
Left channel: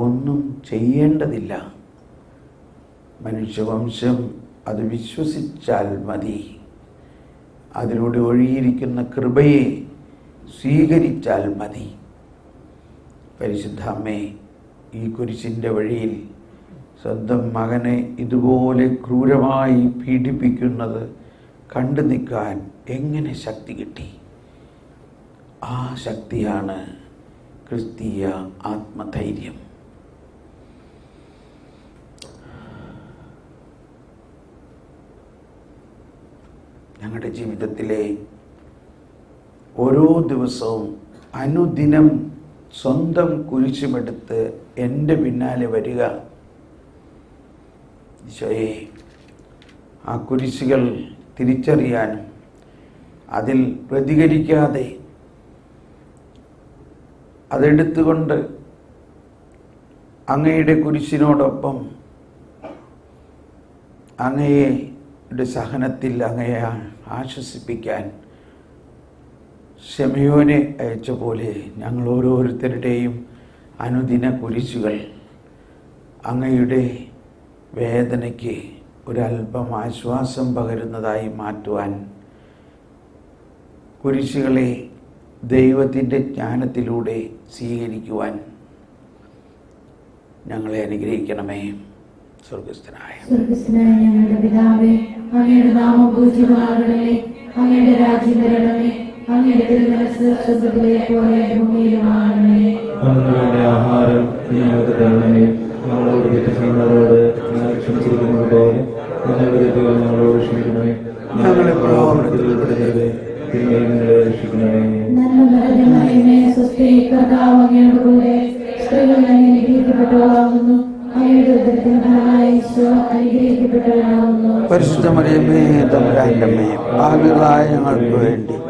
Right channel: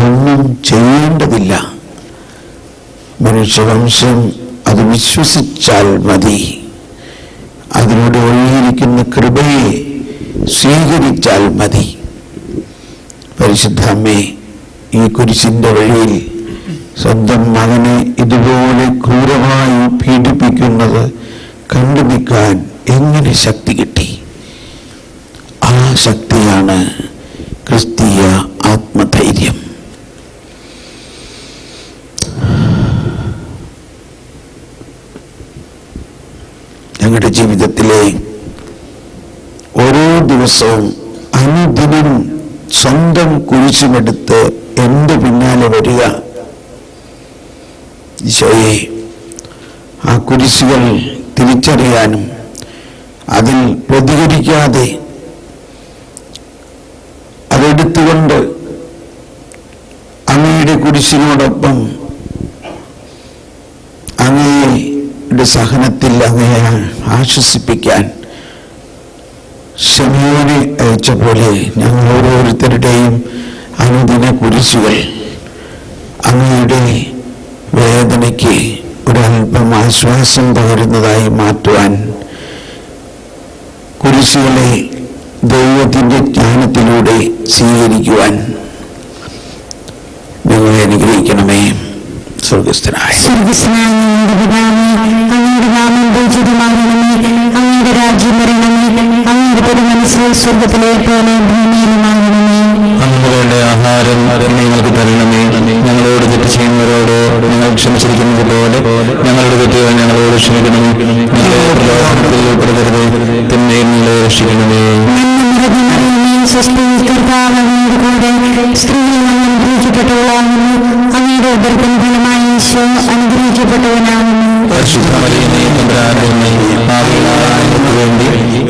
ഒന്നും ചെയ്യേണ്ടതില്ല. മനുഷ്യവംശം അത് വിശ്വസിച്ചാൽ മതി. അതിനോട് ഒഴിയിരിക്കുന്ന കൃപയെ സ്വീകരിച്ചാൽ മതി. പരിശുദ്ധ അമ്മേ, ഈ കുരിശിൻ്റെ വഴിയിൽ സ്വന്തം മകനെ ഇതുപോലെ ക്രൂരമായി പീഡിപ്പിക്കുന്ന ഒരു ശക്തി കിട്ടി. ആ ശക്തിയാണ് ക്രിസ്തീയ ആത്മധൈര്യം. ഞങ്ങളുടെ ജീവിതത്തിലെ ഓരോ ദിവസവും അനുദിനം സ്വന്തം കുരിശുമെടുത്ത് എൻ്റെ പിന്നാലെ വരിക. ഈശോയെ, ആ കുരിശുകൾ തിരിച്ചറിയാനും അതിൽ പ്രതികരിക്കാതെ അതെടുത്തുകൊണ്ട് അങ്ങയുടെ കുരിശിനോടൊപ്പം അങ്ങയുടെ സഹനത്തിൽ അങ്ങയെ ആശ്വസിപ്പിക്കാൻ ശമൂനെ അയച്ച പോലെ ഞങ്ങൾ ഓരോരുത്തരുടെയും അനുദിന കുരിശുകൾ അങ്ങയുടെ വേദനയ്ക്ക് ഒരല്പം ആശ്വാസം പകരുന്നതായി മാറ്റുവാൻ, കുരിശുകളെ ദൈവത്തിൻ്റെ ജ്ഞാനത്തിലൂടെ സ്വീകരിക്കുവാൻ ഞങ്ങളെ അനുഗ്രഹിക്കണമേ. സ്വർഗസ്ഥനായ അങ്ങയുടെ രാജ്യം വരണമേ, അങ്ങയുടെ തിരുമനസ്സ് സ്വർഗ്ഗത്തിലെ പോലെ ഭൂമിയിലുമാകണമേ. അങ്ങയുടെ ആഹാരം ഞങ്ങൾക്ക് തരണമേ. ഞങ്ങളോട് തെറ്റ് ചെയ്യുന്നവരോട് ഞങ്ങൾ ക്ഷമിച്ചിരിക്കുന്നത് പോലെ ഞങ്ങളുടെ തെറ്റുകൾ ഞങ്ങളോട് ക്ഷമിക്കണമേ. തിന്മയിൽ നിന്ന് രക്ഷിക്കണമേ. സ്ത്രീകൾ അനുഗ്രഹിക്കപ്പെട്ടവളാകുന്നു, അങ്ങയുടെ ഉദരത്തിൻ ഫലമായി ഈശോ അനുഗ്രഹിക്കപ്പെട്ടവനാകുന്നു.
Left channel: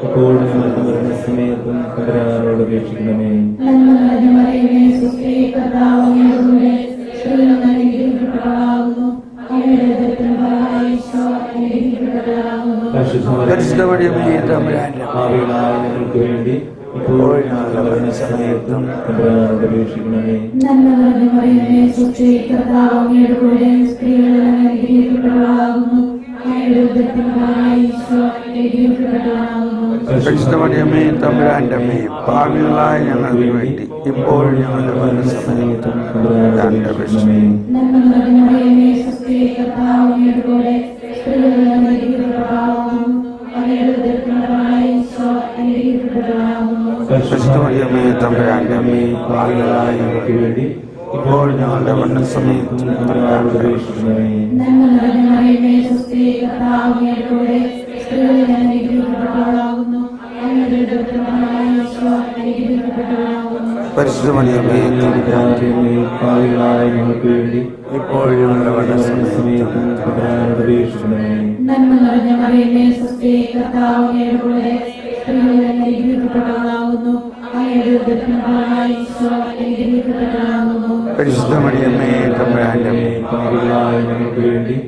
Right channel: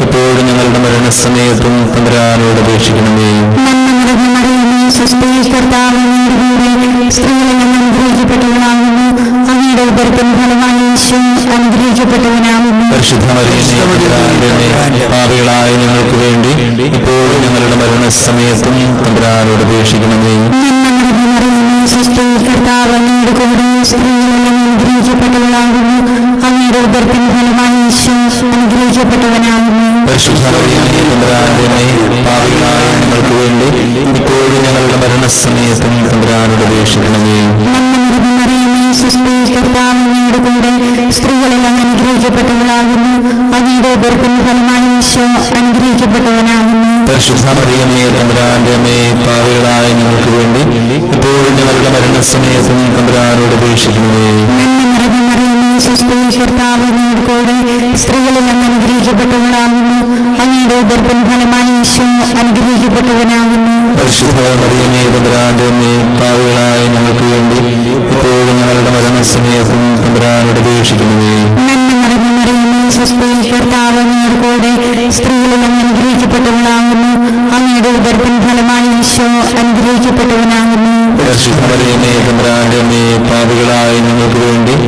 എപ്പോഴും ഞങ്ങളുടെ മരണസമയത്തും തമ്പുരാനോട് അപേക്ഷിക്കണമേ. സ്ത്രീകൾ അനുഗ്രഹിക്കപ്പെട്ടവളാകുന്നു, അങ്ങയുടെ ഉദരത്തിൻ ഫലമായി ഈശോ അനുഗ്രഹിക്കപ്പെട്ടവനാകുന്നു. പാപികളായ ഞങ്ങൾക്ക് വേണ്ടി എപ്പോഴും ഞങ്ങളുടെ മരണസമയത്തും തമ്പുരാനോട് അപേക്ഷിക്കണമേ. കർത്താവ് അങ്ങയുടെ കൂടെ സ്ത്രീകൾ അനുഗ്രഹിക്കപ്പെട്ടവളാകുന്നു, അങ്ങയുടെ ഉദരത്തിൻ ഫലമായി ഈശോ അനുഗ്രഹിക്കപ്പെട്ടവനാകുന്നു. പാപികളായ ഞങ്ങൾക്ക് വേണ്ടി ഇപ്പോഴും ഞങ്ങളുടെ മരണസമയത്തും തമ്പുരാനോട് അപേക്ഷിക്കണമേ. കർത്താവ് അങ്ങയുടെ കൂടെ സ്ത്രീകളിൽ അനുഗ്രഹിക്കപ്പെട്ടവളാകുന്നു, അങ്ങയുടെ ഉദരത്തിൻ ഫലമായി ഈശോ അനുഗ്രഹിക്കപ്പെട്ടവനാകുന്നു. പാപികളായ ഞങ്ങൾക്ക് വേണ്ടി എപ്പോഴും ഞങ്ങളുടെ മരണസമയത്തും തമ്പുരാനോട് അപേക്ഷിക്കണമേ. കർത്താവ് അങ്ങയുടെ കൂടെ സ്ത്രീകളിൽ അനുഗ്രഹിക്കപ്പെട്ടവളാകുന്നു, അങ്ങയുടെ ഉദരത്തിൻ ഫലമായി ഈശോ അനുഗ്രഹിക്കപ്പെട്ടവനാകുന്നു. പാപികളായ ഞങ്ങൾക്ക് വേണ്ടി എപ്പോഴും ഞങ്ങളുടെ മരണസമയത്തും തമ്പുരാനോട് അപേക്ഷിക്കണമേ. കർത്താവ് അങ്ങയുടെ കൂടെ സ്ത്രീകളിൽ അനുഗ്രഹിക്കപ്പെട്ടവളാകുന്നു, അങ്ങയുടെ ഉദരത്തിൻ ഫലമായി ഈശോ അനുഗ്രഹിക്കപ്പെട്ടവനാകുന്നു. പാപികളായ ഞങ്ങൾക്ക് വേണ്ടി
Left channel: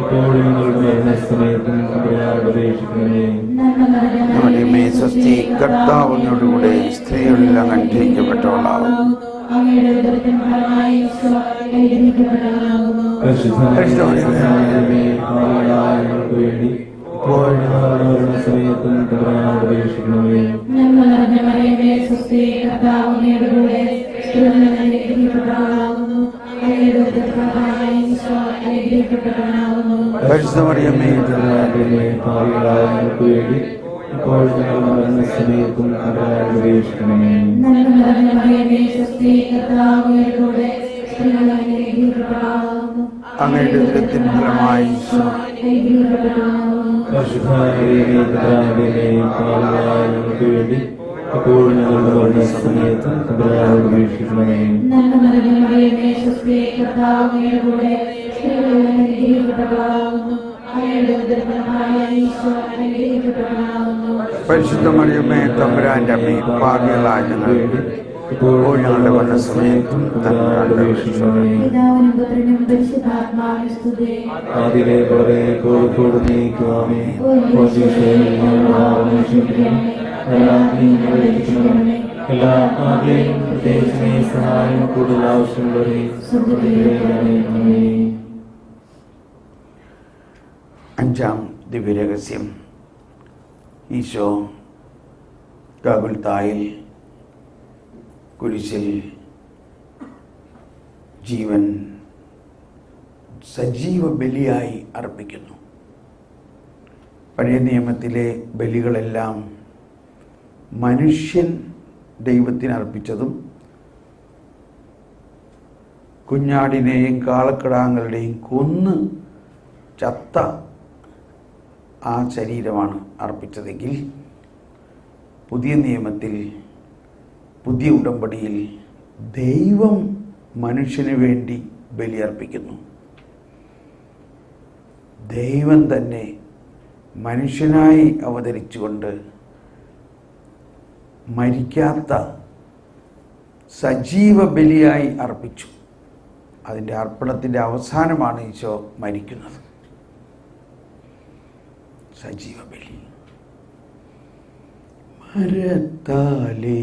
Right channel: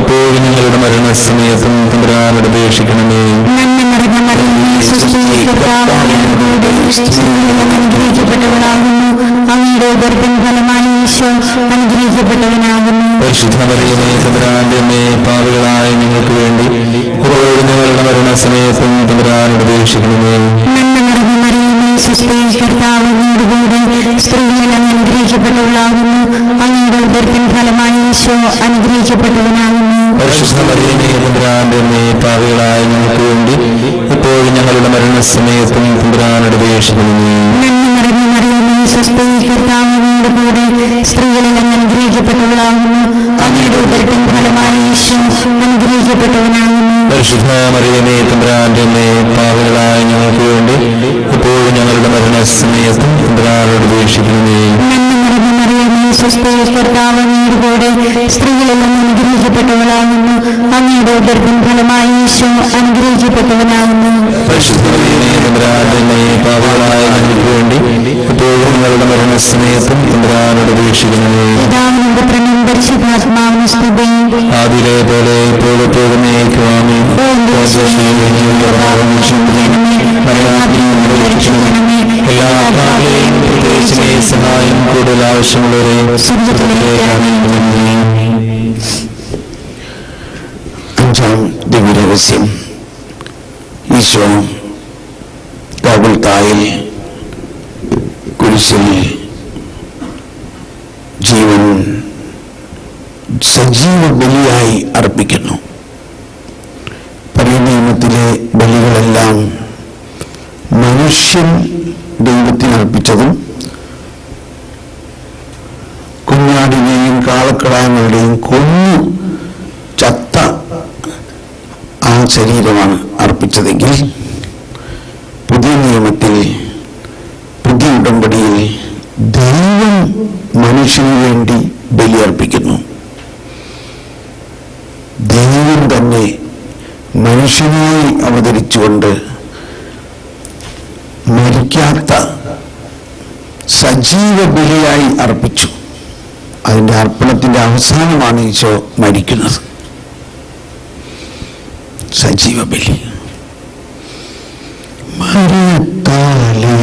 എപ്പോഴും ഞങ്ങളുടെ മരണസമയത്തും തമ്പുരാനോട് അപേക്ഷിക്കണമേ. അനുഗ്രഹിക്കപ്പെട്ടവളാകുന്നു, അങ്ങയുടെ ഉദരത്തിൻ ഫലമായി ഈശോ അനുഗ്രഹിക്കപ്പെട്ടവനാകുന്നു. പാപികളായ ഞങ്ങൾക്ക് വേണ്ടി എപ്പോഴും ഞങ്ങളുടെ മരണസമയത്തും തമ്പുരാനോട് അപേക്ഷിക്കണമേ. കർത്താവ് അങ്ങയുടെ കൂടെ സ്ത്രീകളിൽ അനുഗ്രഹിക്കപ്പെട്ടവളാകുന്നു, അങ്ങയുടെ ഉദരത്തിൻ ഫലമായി ഈശോ അനുഗ്രഹിക്കപ്പെട്ടവനാകുന്നു. പാപികളായ ഞങ്ങൾക്ക് വേണ്ടി എപ്പോഴും ഞങ്ങളുടെ മരണസമയത്തും തമ്പുരാനോട് അപേക്ഷിക്കണമേ. കർത്താവ് അങ്ങയുടെ കൂടെ സ്ത്രീകളിൽ അനുഗ്രഹിക്കപ്പെട്ടവളാകുന്നു, അങ്ങയുടെ ഉദരത്തിൻ ഫലമായി ഈശോ അനുഗ്രഹിക്കപ്പെട്ടവനാകുന്നു. പരിശുദ്ധമറിയമേ തമ്പുരാന്റെ പാപികളായ ഞങ്ങൾക്ക് വേണ്ടി എപ്പോഴും ഞങ്ങളുടെ മരണസമയത്തും തമ്പുരാനോട് അപേക്ഷിക്കണമേ. കർത്താവ് അങ്ങയുടെ കൂടെ സ്ത്രീകളിൽ അനുഗ്രഹിക്കപ്പെട്ടവളാകുന്നു, അങ്ങയുടെ ഉദരത്തിൻ ഫലമായി ഈശോ അനുഗ്രഹിക്കപ്പെട്ടവനാകുന്നു. പാപികളായ ഞങ്ങൾക്ക് വേണ്ടി എപ്പോഴും ഞങ്ങളുടെ മരണസമയത്തും തമ്പുരാനോട് അപേക്ഷിക്കണമേ. ആദിയിലെ പോലെ ഇപ്പോഴും സഹായം കൂടുതൽ ആവശ്യമുള്ളവരെ അഞ്ചാം ദിവ്യരഹസ്യം. ഈശോ ഗോഗുൽത്തായിൽ കുരിശിൽ ജീവൻ സജീവ ബലിയായി അർപ്പിക്കുന്നു. പഴയ നിയമത്തിലെ ബലികളെല്ലാം മനുഷ്യൻ ദൈവത്തിന് അർപ്പിച്ചതും കുഞ്ഞാടിനെയും കാളക്കിടാങ്ങളുടെയും കൊന്നു ചത്ത ആ ശരീരമാണ് അർപ്പിച്ചതെങ്കിൽ പുതിയ നിയമത്തിൽ, പുതിയ ഉടമ്പടിയിൽ ദൈവം മനുഷ്യന് വേണ്ടി ബലിയർപ്പിക്കുന്നു. ദൈവം തന്നെ മനുഷ്യനായി അവതരിച്ചുകൊണ്ട് മരിക്കാത്ത സജീവ ബലിയായി അർപ്പിച്ചു. അതിൻ്റെ അർപ്പണത്തിൻ്റെ അവസാനമാണ് ഈശോ മരിക്കുന്നത്. സജീവ ബലി. മരിത്താലേ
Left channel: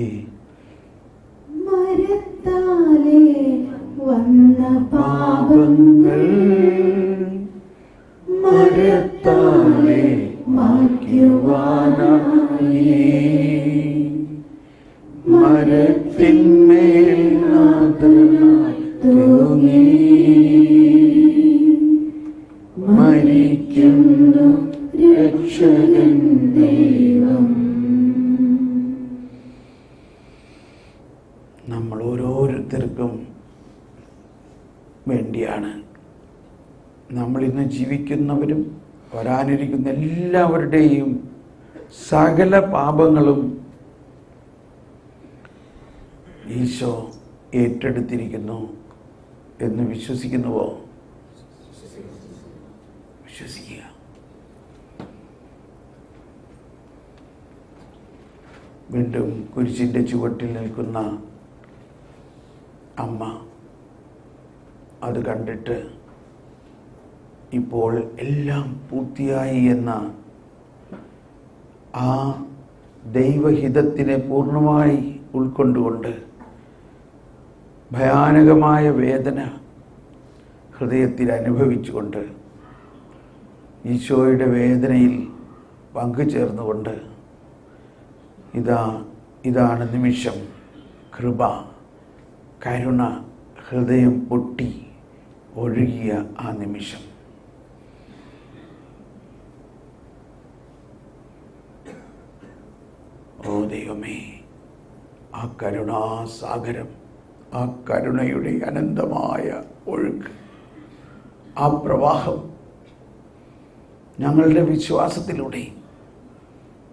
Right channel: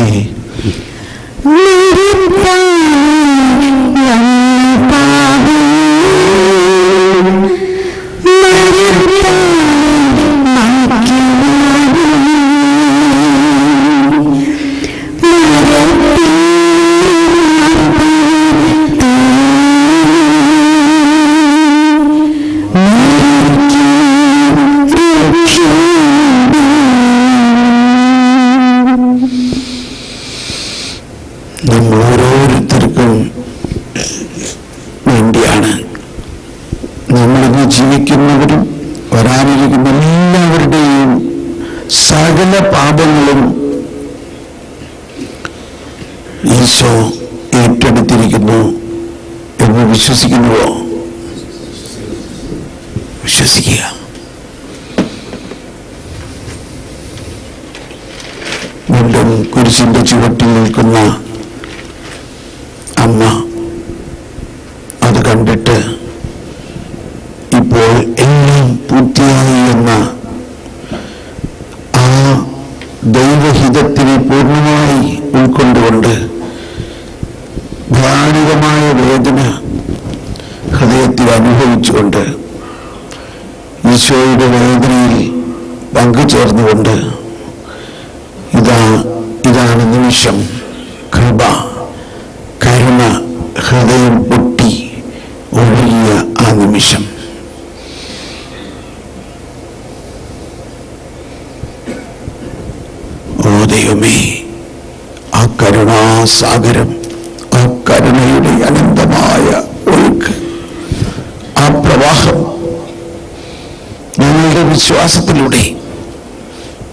ഓരോരുത്തർക്കും വേണ്ടിയാണ്. നമ്മളിന്ന് ജീവിക്കുന്നവരും വരാനിരിക്കുന്ന എല്ലാവരുടെയും സകല പാപങ്ങളും ഈശോ ഏറ്റെടുത്തിരിക്കുന്നു എന്ന് വിശ്വസിക്കുന്നുവോ? വിശ്വസിക്കുക. വീണ്ടും കുരിശിന്റെ ചുവട്ടിൽ നിൽക്കുന്ന അമ്മ അത് കണ്ടിട്ട് ഇപ്പോൾ എല്ലാം പൂർത്തിയായി എന്ന ആ ദൈവഹിതത്തിനെ പൂർണ്ണമായി ഉൾക്കൊണ്ടുകൊണ്ട് ഭയാനകമായ വേദന ഹൃദയത്തിൽ അനുഭവിച്ചുകൊണ്ട് ഈശോയുടെ വേദനയിൽ പങ്കുചേർന്നുകൊണ്ട് ഇതാണ് നിമിഷം. കൃപ, കരുണ ഹൃദയം പൊട്ടി ഒഴുകിയ ആ നിമിഷം. ഓ ദൈവമേ, ആ കരുണാസാഗരം, ആ കരുണയുടെ അനന്തമായ ഒഴുക്ക്, ആ പ്രവാഹം ഞങ്ങളുടെ വിശ്വാസത്തിലൂടെ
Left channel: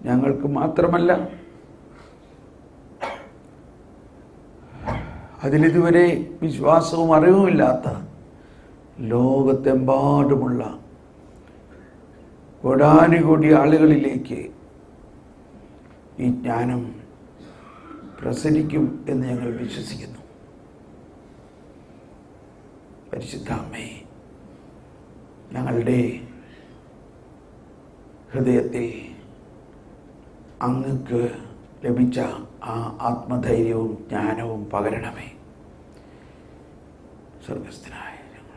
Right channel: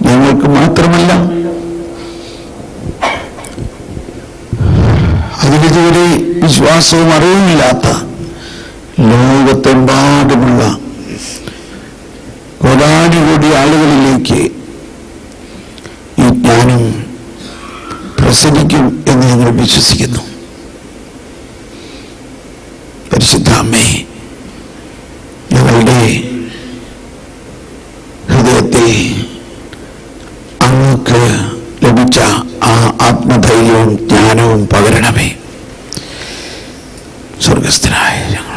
ഞങ്ങൾക്ക് മാത്രമല്ല, അതിനിതുവരെ വിശ്വാസവും അറിവുമില്ലാത്ത ലോകത്തെമ്പാടുമുള്ള കോടാനുകോടി ആളുകളിലേക്ക് ഈ ജ്ഞാനം പ്രസരിക്കും എന്ന് ഞങ്ങൾ വിശ്വസിക്കുന്നു. പരിശുദ്ധ അമ്മേ, ഞങ്ങളുടെ ഹൃദയത്തിൽ അങ്ങക്ക് ലഭിച്ച ആ ആത്മധൈര്യവും ജ്ഞാനവും പകരണമേ. സ്വർഗസ്ഥനായ ഞങ്ങൾ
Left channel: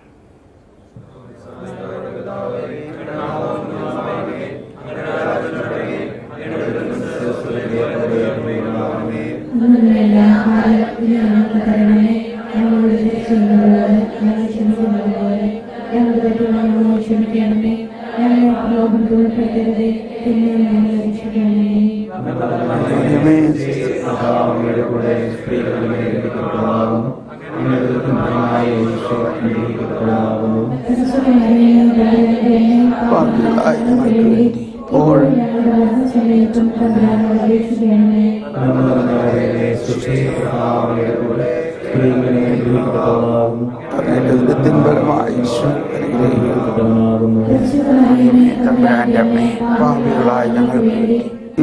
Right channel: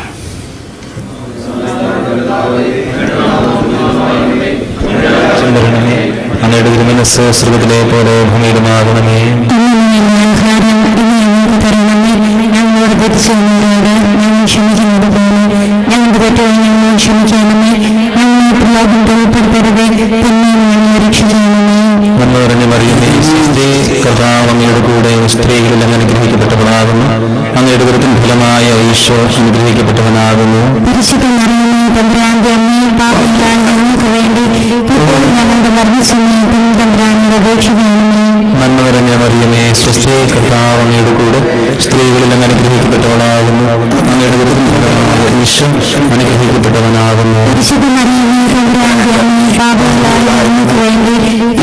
അങ്ങയുടെ തിരുമനസ്സ് സ്വർഗ്ഗത്തിലെ പോലെ ഭൂമിയിലുമാകണമേ. ഞങ്ങളോട് തെറ്റിച്ചവരോട് ഞങ്ങൾ ക്ഷമിക്കുന്നത് പോലെ ഞങ്ങളുടെ തെറ്റുകൾ ഞങ്ങളോട് ക്ഷമിക്കണമേ. ഞങ്ങളെ പ്രലോഭനത്തിൽ ഉൾപ്പെടുത്തരുതേ, തിന്മയിൽ ഞങ്ങളെ രക്ഷിക്കണമേ. നന്മ നിറഞ്ഞ മറിയമേ, കർത്താവ് അങ്ങയുടെ കൂടെ സ്ത്രീകളിൽ അനുഗ്രഹിക്കപ്പെട്ടവളാകുന്നു. അങ്ങയുടെ ദുരിതം ഫലമായ ഈശോ അനുഗ്രഹിക്കപ്പെട്ടവനാകുന്നു. പരിശുദ്ധ മറിയമേ, തമ്പുരാന്റെ അമ്മേ, പാപികളായ ഞങ്ങൾക്ക് വേണ്ടി ഇപ്പോഴും ഞങ്ങളുടെ മരണസമയത്തും തമ്പുരാനോട് അപേക്ഷിക്കണമേ. നന്മ നിറഞ്ഞ മറിയമേ, സ്വസ്തി, കർത്താവ് അങ്ങയുടെ കൂടെ സ്ത്രീകളിൽ അനുഗ്രഹിക്കപ്പെട്ടവളാകുന്നു. അങ്ങയുടെ ദുരിതം ഫലമായ ഈശോ അനുഗ്രഹിക്കപ്പെട്ടവനാകുന്നു. പരിശുദ്ധ മറിയമേ, തമ്പുരാന്റെ അമ്മേ, പാപികളായ ഞങ്ങൾക്ക് വേണ്ടി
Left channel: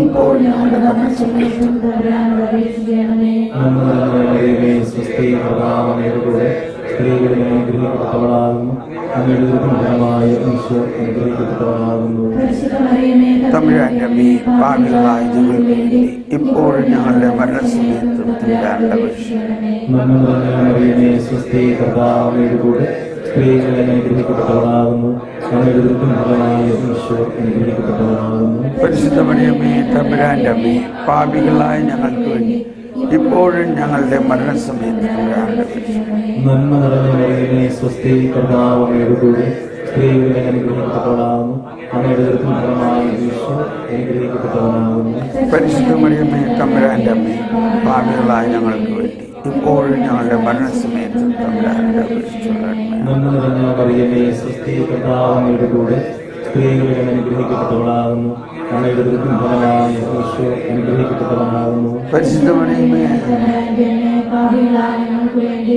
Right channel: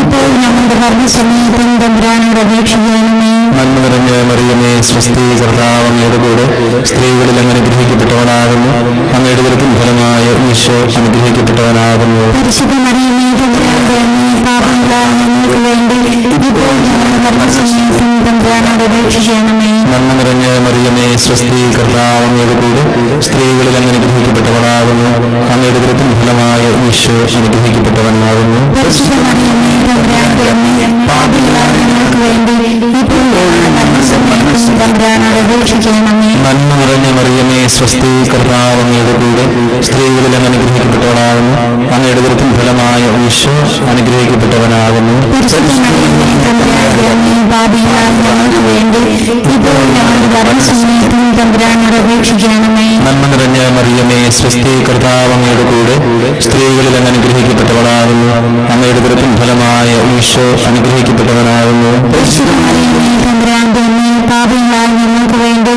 ഇപ്പോഴും ഞങ്ങളുടെ മരണസമയത്തും തമ്പുരാനോട് അപേക്ഷിക്കണമേ. നന്മ നിറഞ്ഞ മറിയമേ, സ്വസ്തി, കർത്താവ് അങ്ങയുടെ കൂടെ സ്ത്രീകളിൽ അനുഗ്രഹിക്കപ്പെട്ടവളാകുന്നു. അങ്ങയുടെ ദുരിതം ഫലമായ ഈശോ അനുഗ്രഹിക്കപ്പെട്ടവനാകുന്നു. പരിശുദ്ധ മറിയമേ, തമ്പുരാന്റെ അമ്മേ, പാപികളായ ഞങ്ങൾക്ക് വേണ്ടി ഇപ്പോഴും ഞങ്ങളുടെ മരണസമയത്തും തമ്പുരാനോട് അപേക്ഷിക്കണമേ. നന്മ നിറഞ്ഞ മറിയമേ, സ്വസ്തി, കർത്താവ് അങ്ങയുടെ കൂടെ സ്ത്രീകളിൽ അനുഗ്രഹിക്കപ്പെട്ടവളാകുന്നു. അങ്ങയുടെ ദുരിതം ഫലമായ ഈശോ അനുഗ്രഹിക്കപ്പെട്ടവനാകുന്നു. പരിശുദ്ധ മറിയമേ, തമ്പുരാന്റെ അമ്മേ, പാപികളായ ഞങ്ങൾക്ക് വേണ്ടി ഇപ്പോഴും മരണസമയത്തും തമ്പുരാനോട് അപേക്ഷിക്കണമേ. നന്മ നിറഞ്ഞ മറിയമേ, സ്വസ്തി, കർത്താവ് അങ്ങയുടെ കൂടെ സ്ത്രീകളിൽ അനുഗ്രഹിക്കപ്പെട്ടവളാകുന്നു. അങ്ങയുടെ ദുരിതം ഫലമായ ഈശോ അനുഗ്രഹിക്കപ്പെട്ടവനാകുന്നു. അപേക്ഷിക്കണമേ. നന്മ നിറഞ്ഞ മറിയമേ, സ്വസ്തി, കർത്താവ് അങ്ങയുടെ കൂടെ, സ്ത്രീകളിൽ അങ്ങ് അനുഗ്രഹിക്കപ്പെട്ടവളാകുന്നു. അങ്ങയുടെ ഗർഭത്തിൻ ഫലമായ ഈശോ അനുഗ്രഹിക്കപ്പെട്ടവനാകുന്നു. പരിശുദ്ധ മറിയമേ, തമ്പുരാന്റെ അമ്മേ, പാപികളായ ഞങ്ങൾക്ക് വേണ്ടി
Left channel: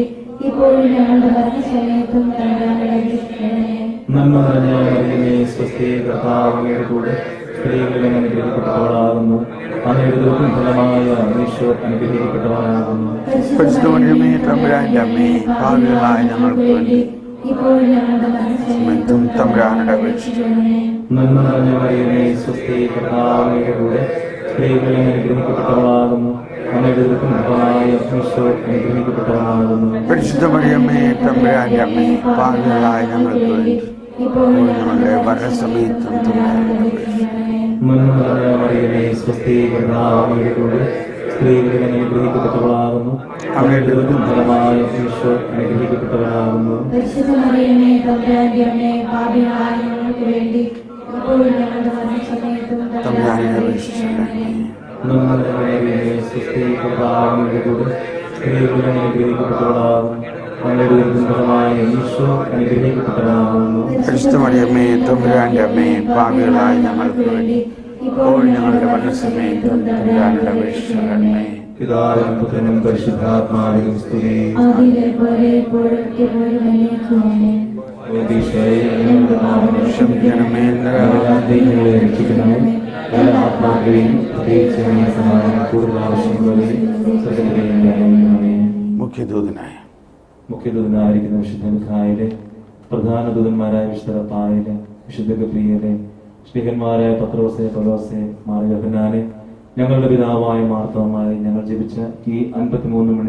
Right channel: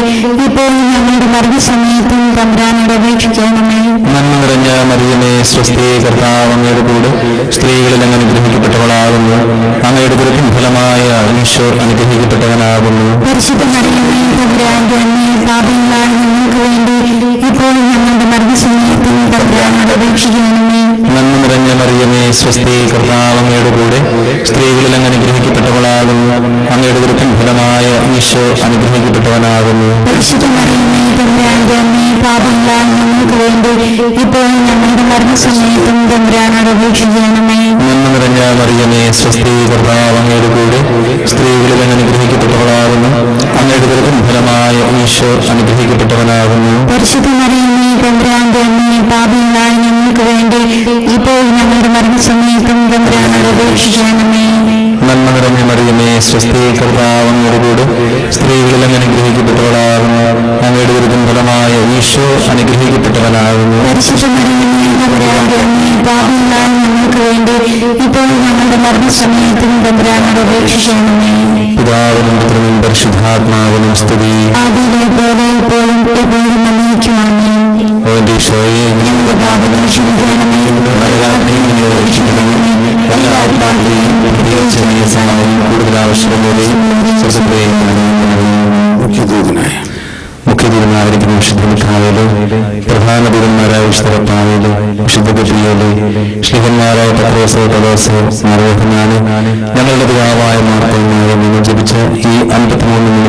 ഇപ്പോഴും ഞങ്ങളുടെ മരണസമയത്തും തമ്പുരാനോട് അപേക്ഷിക്കണമേ. നന്മ നിറഞ്ഞ മറിയമേ, സ്വസ്തി, കർത്താവ് അങ്ങയുടെ കൂടെ, സ്ത്രീകളിൽ അങ്ങ് അനുഗ്രഹിക്കപ്പെട്ടവളാകുന്നു. അങ്ങയുടെ ഗർഭത്തിൻ ഫലമായ ഈശോ അനുഗ്രഹിക്കപ്പെട്ടവനാകുന്നു. പരിശുദ്ധ മറിയമേ, തമ്പുരാന്റെ അമ്മേ, പാപികളായ ഞങ്ങൾക്ക് വേണ്ടി ഇപ്പോഴും ഞങ്ങളുടെ മരണസമയത്തും തമ്പുരാനോട് അപേക്ഷിക്കണമേ. നന്മ നിറഞ്ഞ മറിയമേ, സ്വസ്തി, കർത്താവ് അങ്ങയുടെ കൂടെ, സ്ത്രീകളിൽ അങ്ങ് അനുഗ്രഹിക്കപ്പെട്ടവളാകുന്നു. അങ്ങയുടെ ഗർഭത്തിൻ ഫലമായ ഈശോ അനുഗ്രഹിക്കപ്പെട്ടവനാകുന്നു. പരിശുദ്ധ മറിയമേ, തമ്പുരാന്റെ അമ്മേ, പാപികളായ ഞങ്ങൾക്ക് വേണ്ടി ഇപ്പോഴും ഞങ്ങളുടെ മരണസമയത്തും തമ്പുരാനോട് അപേക്ഷിക്കണമേ. നന്മ നിറഞ്ഞ മറിയമേ, സ്വസ്തി, കർത്താവ് അങ്ങയുടെ കൂടെ, സ്ത്രീകളിൽ അങ്ങ് അനുഗ്രഹിക്കപ്പെട്ടവളാകുന്നു. അങ്ങയുടെ ഗർഭത്തിൻ ഫലമായ ഈശോ അനുഗ്രഹിക്കപ്പെട്ടവനാകുന്നു. പരിശുദ്ധ മറിയമേ, തമ്പുരാന്റെ അമ്മേ, പാപികളായ ഞങ്ങൾക്ക് വേണ്ടി ഇപ്പോൾ ഞങ്ങളുടെ മരണസമയത്തും തമ്പുരാനോട് അപേക്ഷിക്കണമേ. നന്മ നിറഞ്ഞ മറിയമേ, സ്വസ്തി, കർത്താവ് അങ്ങയുടെ കൂടെ, സ്ത്രീകളിൽ അങ്ങ് അനുഗ്രഹിക്കപ്പെട്ടവളാകുന്നു. അങ്ങയുടെ ഗർഭത്തിൻ ഫലമായ ഈശോ അനുഗ്രഹിക്കപ്പെട്ടവനാകുന്നു. പരിശുദ്ധ മറിയമേ, തമ്പുരാന്റെ അമ്മേ, പാപികളായ ഞങ്ങൾക്ക് വേണ്ടി ഇപ്പോൾ ഞങ്ങളുടെ മരണസമയത്തും തമ്പുരാനോട് അപേക്ഷിക്കണമേ. പിതാവിനും പുത്രനും പരിശുദ്ധാത്മാവിനും സ്തുതി. ആദിയിലെ പോലെ ഇപ്പോഴും എപ്പോഴും നന്ദിക്കുവാനേ. അവന്റെ ഈശോയെ ഞങ്ങളുടെ പാപങ്ങൾ ക്ഷമിക്കണമേ. രക്ഷിക്കണമേ. എല്ലാ ആത്മാക്കളെയും പ്രത്യേകിച്ച് അങ്ങയെ സഹായം കൂടുതൽ ആവശ്യമുള്ളവരെയും സ്വസ്ഥതയും മുഖ്യദൂതനായ മുഖ്യദൂതനായിരിക്കുന്ന വിശുദ്ധ മിഖായേലേ, പ്രധാന ദൂതന്മാരായ വിശുദ്ധ കർത്താവേലേ, വിശുദ്ധ ഗബ്രിയേലേ, ശ്ലീഹന്മാരായ പത്രോസ്, പൗലോസ്, മാർ യോഹന്നാനെ, ഞങ്ങളുടെ പിതാവായ മാർത്തോമായ നിങ്ങൾ ജപിച്ച ഈ 53